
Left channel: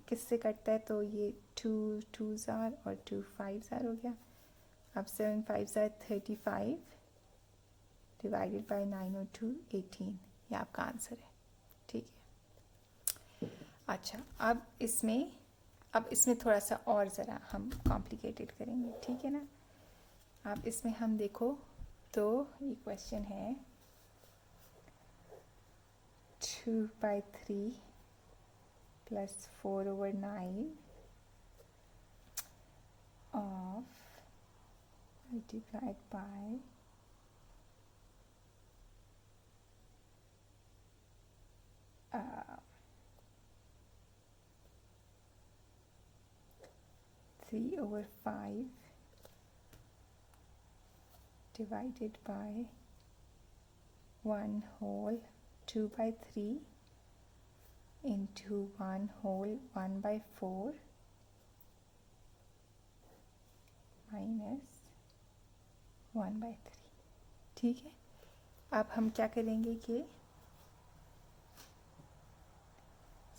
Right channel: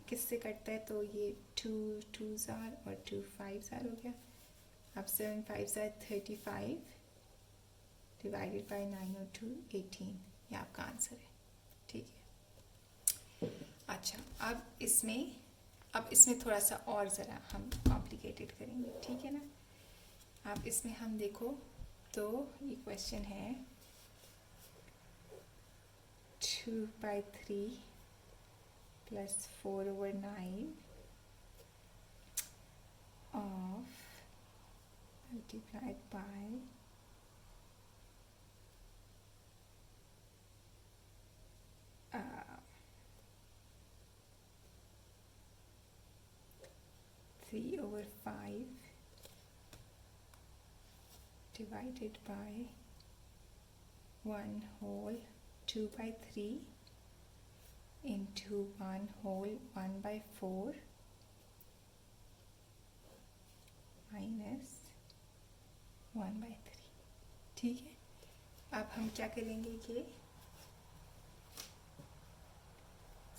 किससे कटता है, तो ये 2 2s are और 2 5s are हो गया। अब 7 5s are 35 डिवाइडेड बाय 9 और 2 18, ये आपका आंसर है, ठीक है। अच्छा, अब इसमें थोड़ा सा और ज़रा हम कॉम्प्लिकेटेड करेंगे, ठीक है ना। अब इसमें हम देखो तो ये क्वेश्चन है 2/3 + 4/9 of multiplied by 3/5 divided by 1 whole 2/3 into 1 whole 1/4 minus 1/3, ठीक है। अब हम क्या करेंगे कि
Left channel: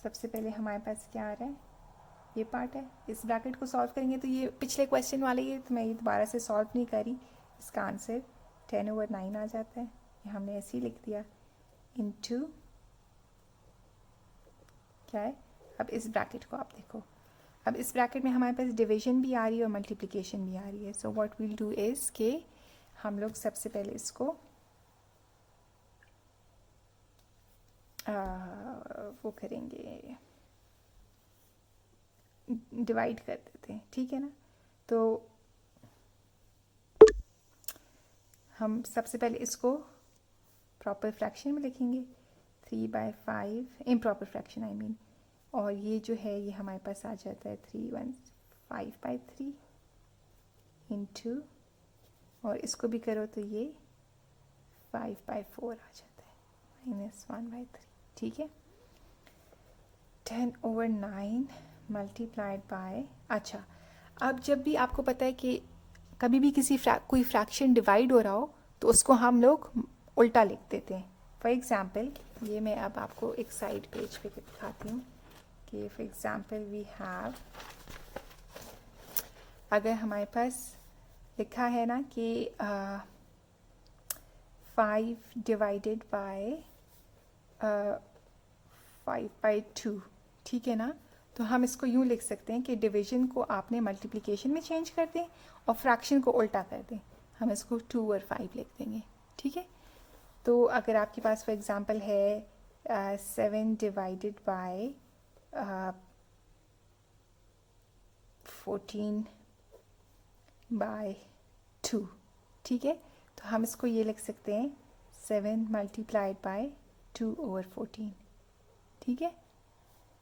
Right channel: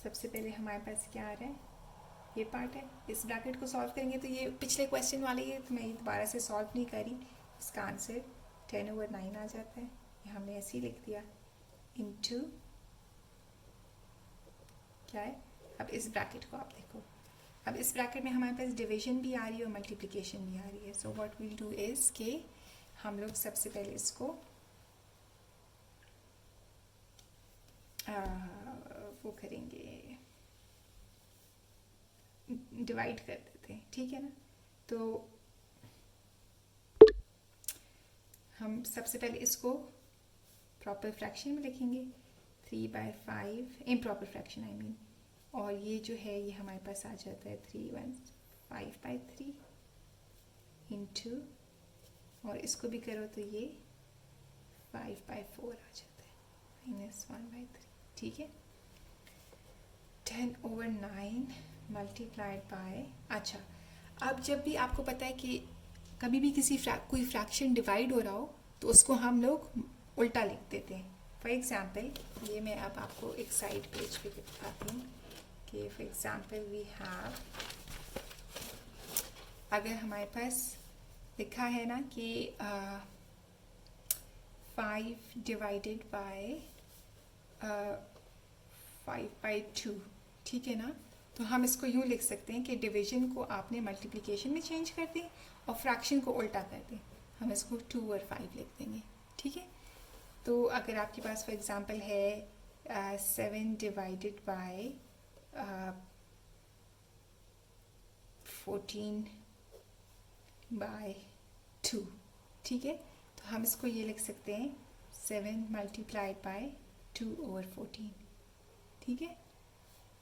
सबसे पहले हमारे पास क्या आ रहा है, ये पार्ट है। इस ब्रैकेट को सॉल्व करेंगे तो ये पिछले क्वेश्चन वाले ही है, तो मैं ये दोबारा से सॉल्व नहीं करी। इसका आंसर 10/9 आ जाता है, ये हमने ऐसे ही लिख दिया, इनटू क्या है। अब इस ब्रैकेट को आप देखो, अब इस ब्रैकेट में हमारे पास डिवीजन भी आ रही है और मल्टीप्लिकेशन भी आ रही है। So what will do is के हम लोग सबसे पहले इसको वो करेंगे, डिवाइड कर देते हैं, ठीक है ना। तो हम सबसे पहले इसको प्रॉपर फ्रैक्शन में लिखेंगे, 3/5 इम्प्रॉपर फ्रैक्शन आई मीन, और ये जो है ये हमारे पास आ जाता है 5/3 इंटू, और इसको भी करो तो ये 5/4 आ जाता है -1/3, ठीक है। 10/9 मल्टीप्लाइड बाय, अच्छा अब जब भी आपको पता है कि कभी भी कोई फ्रैक्शन डिवाइड हो रहा हो तो उसको हम लोग उल्टा लिख देते हैं। फॉर एग्ज़ाम्पल ये मैं अब आपको एक साइड पेज पे दिखाती हूँ कि फॉर एग्ज़ाम्पल वी हैव, अगर हमारे पास लिखा है ना कि 5 डिवाइडेड बाय 5/2, ठीक है ना, तो हम इसको यूँ लिख सकते हैं कि डिवीजन को आपने मल्टीप्लिकेशन में चेंज कर दें और फ्रैक्शन को उल्टा कर दें। हम इसको 2 और 5 लिख देंगे, ठीक है। तो अगर आपके पास फॉर एग्ज़ाम्पल है 7 डिवाइडेड बाय 14/2, ठीक है, तो हम इसको ये लिख सकते हैं 7 मल्टीप्लाइड बाय 2/14, ठीक है।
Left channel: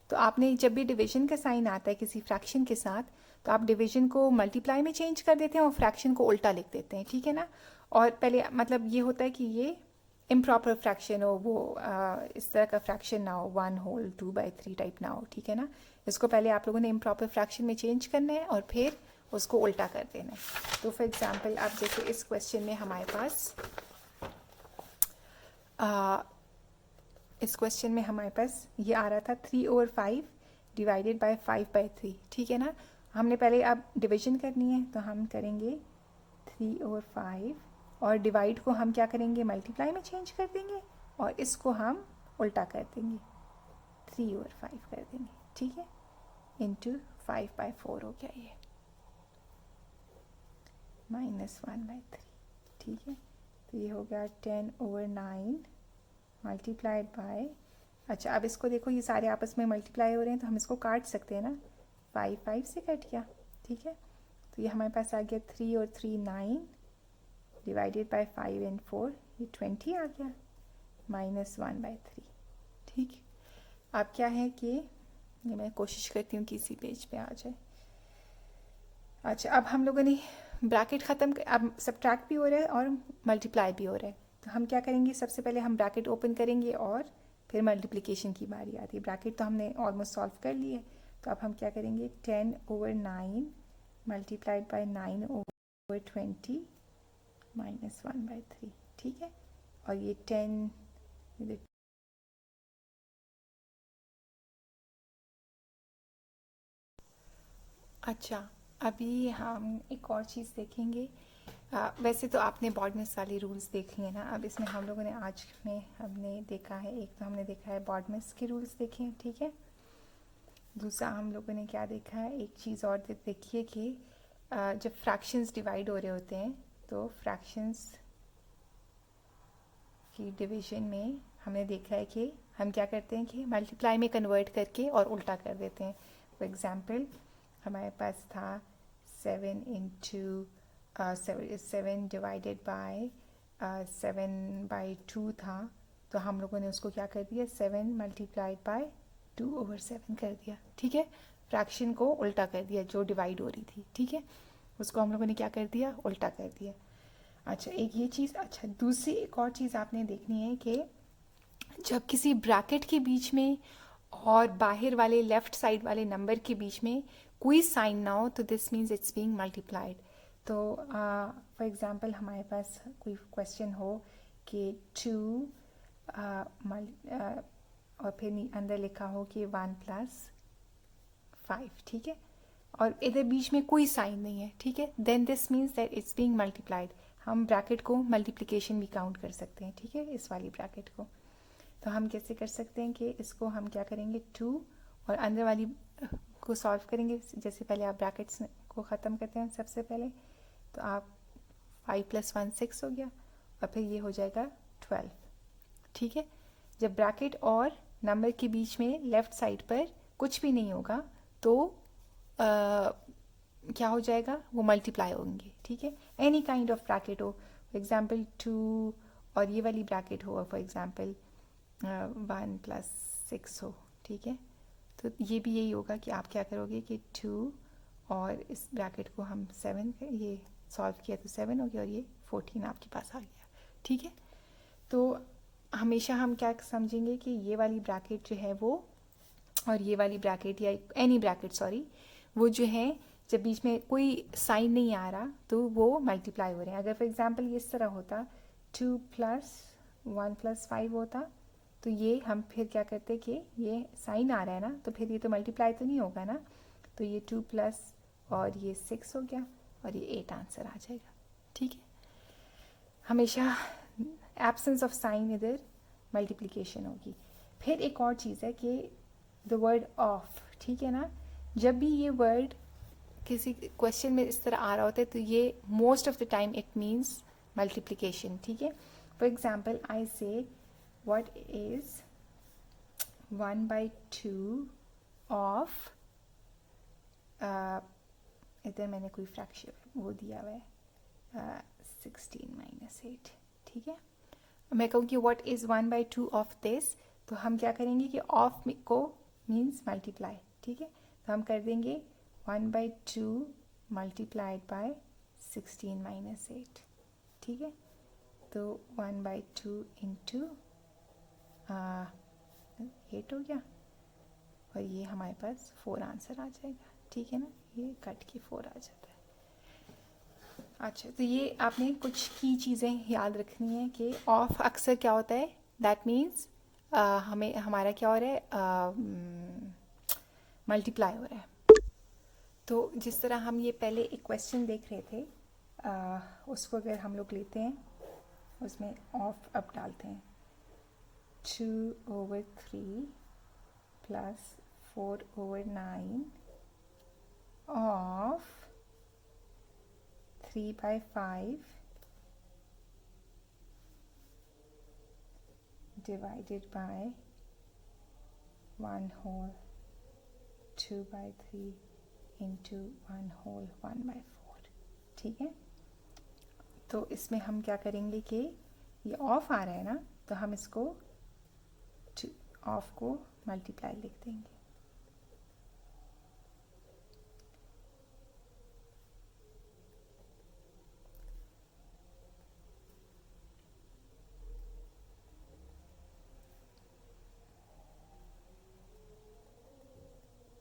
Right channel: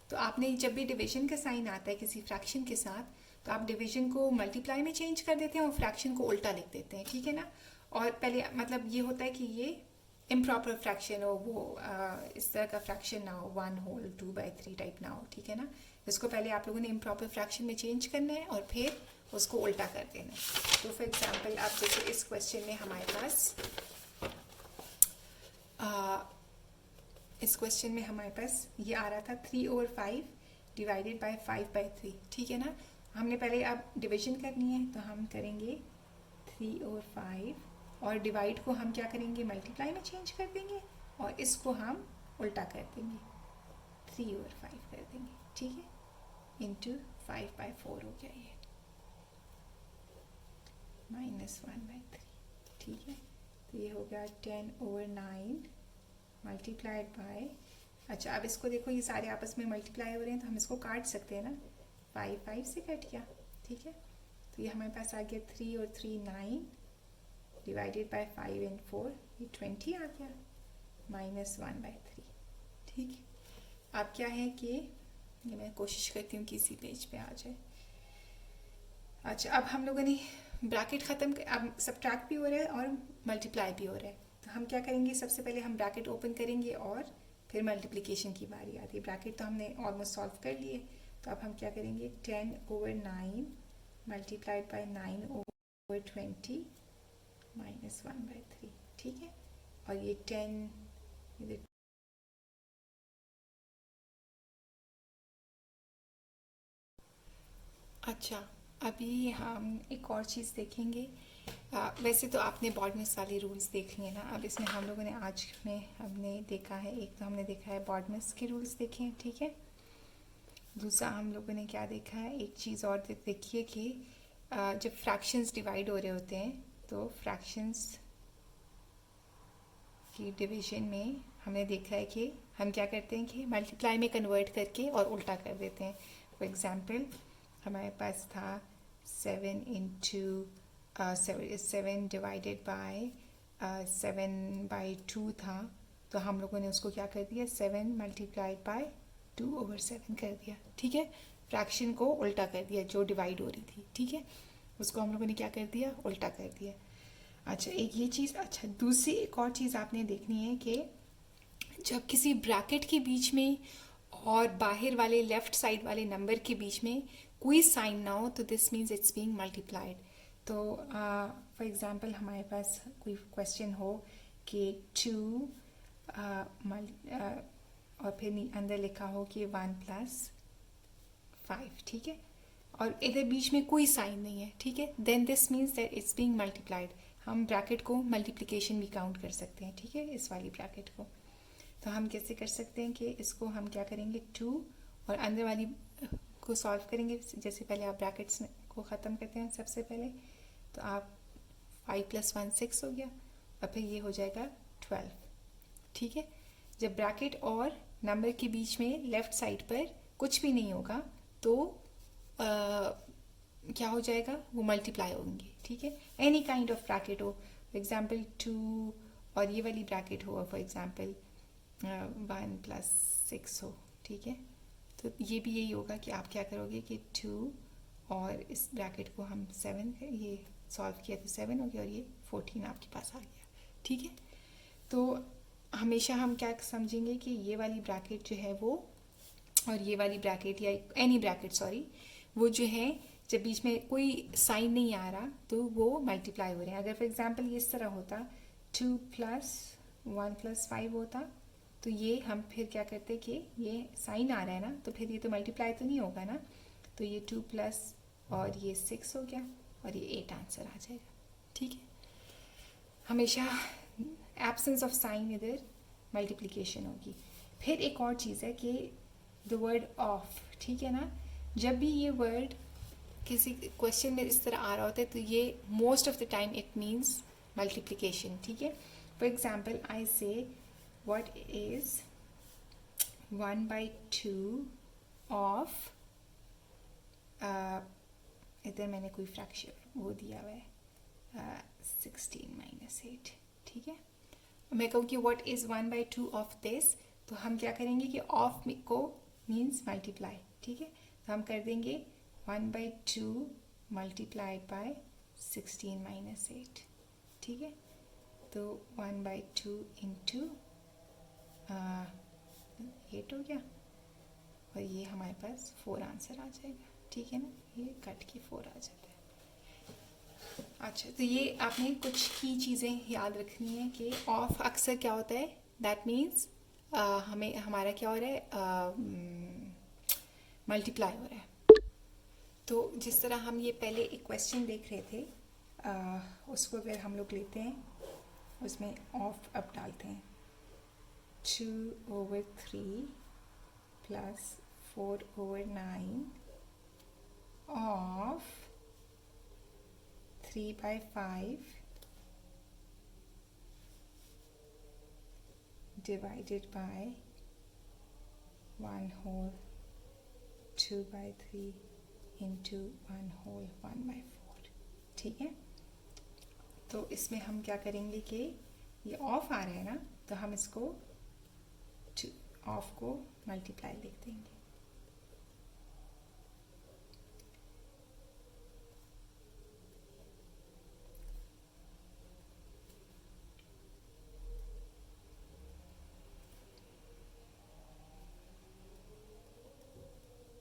तो आपने जब भी डिवीजन का साइन आता है किसी फ्रैक्शन के साथ, तो आप डिवीजन को मल्टीप्लाई में चेंज कर देते हैं और फ्रैक्शन को उल्टा लिख देते हैं, ठीक है ना। और पहले मतलब ये होता है कि ये इम्प्रॉपर फ्रैक्शन हो, वो इस तरह का फ्रैक्शन ना हो, 1 होल 2/3 टाइप ना हो, ठीक है ना। इसको पहले आप लोगों ने इम्प्रॉपर फ्रैक्शन में चेंज करना है और फिर उसको उल्टा कर देना है। तो फॉर एग्जांपल आप जैसे इस क्वेश्चन में हमारे पास इस क्वेश्चन में हमारे पास ये आ रहा था 3/5 डिवाइडेड बाय 5/3, ठीक है ना। हमने पहले अब डिवीजन करनी है तो हम करेंगे 3/5 और डिवाइड को हम क्या करेंगे, मल्टीप्लाई में चेंज कर देंगे और इसको हम उल्टा कर देंगे, 3/5 कर देंगे, ठीक है, इंटू 5/4 हो गया ये -1/3, ठीक है। तो ये हो गया 10/9 मल्टीप्लाइड बाय, अच्छा अब इसको देखो ये सारे आपस में मल्टीप्लाई हो रहे हैं तो हम इसको काट सकते हैं ना, 5 से कट गया, ठीक है। तो ये हमारे पास आ गया 3 और 3 9 डिवाइडेड बाय 5 एंड 4, ये 20 आ गया -1/3, ठीक है। अब क्या है कि ये मैं कोशिश करती हूँ कि इसी पेज पे आ जाए। अच्छा अब हम लोगों ने ब्रैकेट ख़त्म, अब सब्ट्रैक्ट भी हो रहा है और मल्टीप्लाई भी हो रहा है, तो हम क्या करेंगे, सबसे पहले हम ब्रैकेट ओपन करेंगे और फिर मल्टीप्लिकेशन की बारी आती है। ब्रैकेट तो हमने ऑलमोस्ट सॉल्व कर लिए, तो अब हम क्या करेंगे 10/9 मल्टीप्लाइड बाय 9/20 -1/3, ठीक है। और ये 10 अच्छा अभी हम एक और चीज़ देखेंगे। वैसे तो आपने बॉर्डनेस वाले रूल्स देख लिए ना, अब इसमें हम लोगों ने आज में हमने देखा है, एक तो हमने देखा है बॉर्डनेस के रूल्स देखे हैं, ठीक है। दूसरा हम लोगों ने क्या देखा है, एक चीज़ और देखिए कि जब फ्रैक्शंस डिवाइड हो रहे होते हैं तो फ्रैक्शंस की डिवीजन में हमने देखा है कि हम क्या करते हैं कि मल्टीप्लाई में कन्वर्ट करके और उल्टा कर देते हैं। फॉर एग्ज़ाम्पल हमारे पास था 7 इंटू 7 डिवाइडेड बाय 7/2 था, तो हम लोगों ने उसको क्या कर दिया, 7 मल्टीप्लाइड बाय 2/7 कर दिया, ठीक है। फ्रैक्शन को उल्टा कर दिया, जो डिवाइड हो रही थी, ठीक है, उसको हम लोगों ने क्या कर दिया, उल्टा कर दिया। अच्छा एक ये चीज़, अच्छा दूसरी एक और चीज़ आपने देखनी है कि जब किसी ब्रैकेट के बीच में और बाहर वाले लेफ्ट साइड वाले नंबर के बीच में कोई साइन ना हो तो this means it's being multiplied. तो फॉर एग्ज़ाम्पल हमारे पास कोई क्वेश्चन हो कि 2 और फिर अंदर लिखा हो कि 1 + 5, ठीक है, और इधर बीच में कोई साइन नहीं है, ठीक है, then this means that it's being multiplied. हम ब्रैकेट को मल्टीप्लिकेशन भी काउंट कर सकते हैं, ठीक है, इस वाली ब्रैकेट को। तो हम कैसे कर सकते हैं कि इसको हम क्या करेंगे 2 और अंदर वाली को सॉल्व करेंगे। जैसे पहले आप ब्रैकेट्स को ख़त्म करते हैं सबसे पहले, तो आप 5 + 1 6 हो गया और फिर ये हो जाएगा 12, ठीक है। जब ब्रैकेट और नंबर के बीच में लेफ़्ट साइड पर कुछ भी नहीं होगा तो क्या हो जाएगा, वो मल्टीप्लाई होंगे, ठीक है। एनी काइंड ऑफ ब्रैकेट हो, फॉर एग्जाम्पल 2 और ये वाली ब्रैकेट हो, फॉर एग्जाम्पल 1+6 हो, ठीक है। तो ये भी यही होगा कि आप क्या करोगे कि 2 और इस ब्रैकेट को हम 7 ये सॉल्व किया तो 7 हो गया और ये 14 आपके पास आ गया, ठीक है। तो हमेशा हम क्या समझेंगे कि ये वाली ब्रैकेट जो है वो और ये वाली ब्रैकेट या एनी ब्रैकेट सॉरी, वो जो है जब बीच में कोई साइन नहीं आ रहा तो वो मल्टीप्लाई हो रहे हैं। अगर फॉर एग्जांपल ये इस तरह होता 2 + 1 + 5 होता, तो ये हम फिर क्या करते कि ये साइन आ रहा है ना, तो फिर ये तो मल्टीप्लाई तो नहीं होगा ना, तो ये 2 प्लस और ये 6 हो गया और ये 8 आंसर आ जाएगा, ठीक है। हमेशा एब्सेंस ऑफ साइन इधर मल्टीप्लिकेशन होगी। फिर एक और चीज़ है कि द वर्ड ऑफ, ठीक है ना, जब भी ये वर्ड किसी क्वेश्चन में इस तरह आ रहा होता है तो ये most of the time it means multiplication, ठीक है। फॉर एग्जाम्पल आई से व्हाट इज 1/2 ऑफ, इधर मैंने कोई फ्रैक्शन वो दिया हुआ है 16 - 8, ठीक है। मैं कहूँ कि व्हाट इज़ 1/2 ऑफ दिस, तो हम क्या करेंगे कि ऑफ को मीन्स मल्टीप्लाई, ठीक है। तो हम कर देंगे 1/2 मल्टीप्लाइड बाय 16 - 8, ठीक है। तो 1/2 इंटू 8 हो गया और ये हमारे पास 4 आंसर आ जाएगा, ठीक है ना, ये कट के 4 आ जाता है। अच्छा, तो ये आपने कुछ की चीज़ें याद रखनी है कि ऑफ अक्सर क्या होता है, दैट मीन्स हमें हमारा क्या हो रहा है, मल्टीप्लाई हो रहा है। तो जिस तरह हम ये पहले एक क्वेश्चन देख रहे थे, उसको अगर हम लोग लेते हैं, उसमें ऑफ अब डालते हैं 2/3 + 4/9 ऑफ 3/5 divided by 1/2 2/3 into 1/4, 1/4, ठीक है। तो इसमें हम क्या करेंगे कि ये ऑफ आ रहा है ना, तो हम इसको ऑफ को मल्टीप्लाई लिख देंगे,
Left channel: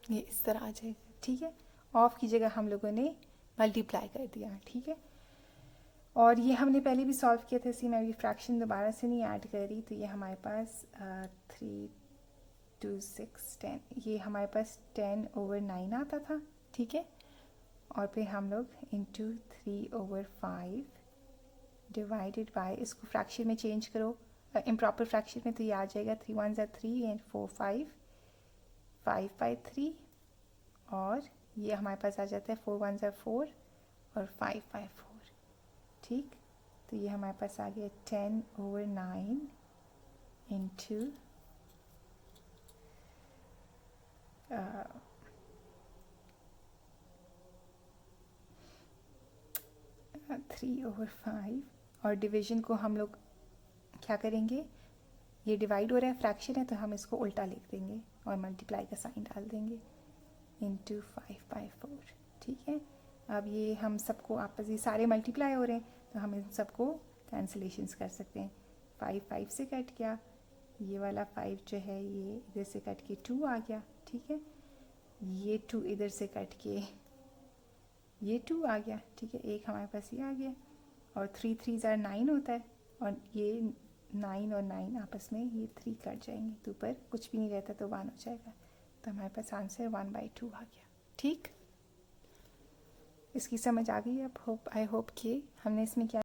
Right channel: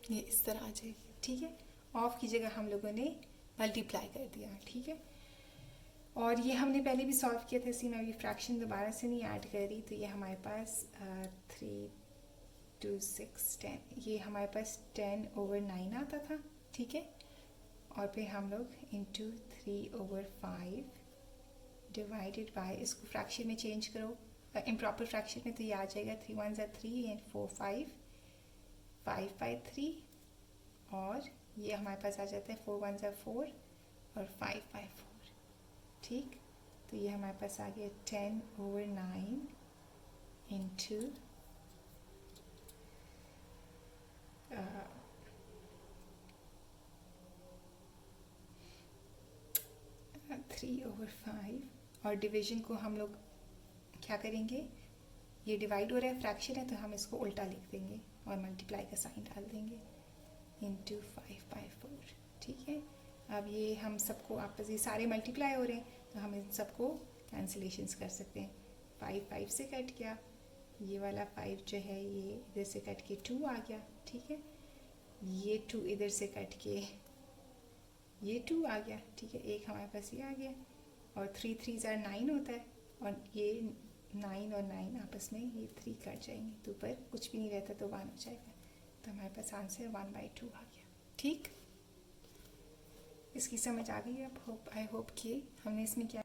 ये इस तरह आ जाएगी, ठीक है। ऑफ की जगह हम लोगों ने मल्टीप्लाई कर दिया, ठीक है। और ये हमने पहले भी सॉल्व किया था, इसी में अभी फ्रैक्शन दोबारा से नहीं ऐड कर रही, तो ये हमारे पास 3 2 6 10, ये हमारे पास 10/9 आता था, ठीक है। और फिर हम लोग इंटू 3/5 डिवाइडेड बाय, इसको फ्रैक्शन में चेंज करो, इम्प्रॉपर फ्रैक्शन में तो ये आ जाएगा 3 1 3 एंड 4 5 5/3, और ये हमारे पास आ जाता है 4 1 4 और 5/4, ठीक। तो ये हमारे पास आ गया 10/9 इंटू 3/5, और डिवीजन को हम लोग क्या करेंगे, ये डिवाइड हो रहा है, फ्रैक्शन है, तो हम इसको उल्टा लिख देंगे और मल्टीप्लाई का साइन डाल देंगे इंटू 5/4, ठीक है। अब ये हम सबको आपस में सारे मल्टीप्लाई हो रहे हैं, तो हम इन सबको कैंसिलेशंस कर सकते हैं। 5 5 से कट गया, ये वाला 5 जो है ये इधर से कट के 2 आ गया, ठीक है। ये 2 इधर से कट के ये 2 आ गया, ठीक है। एक हमारे पास ये आ गया, और 3 3 9 होता है, और ये 9 और 9 आपस में ये 3 कट जाएंगे, तो ऊपर कुछ भी नहीं रहता तो 1 हो जाएगा, तो हमारे पास आंसर 1/2 आ गया, ठीक। इसकी समझ आ गई अब, आई होप कि हमने इसमें क्या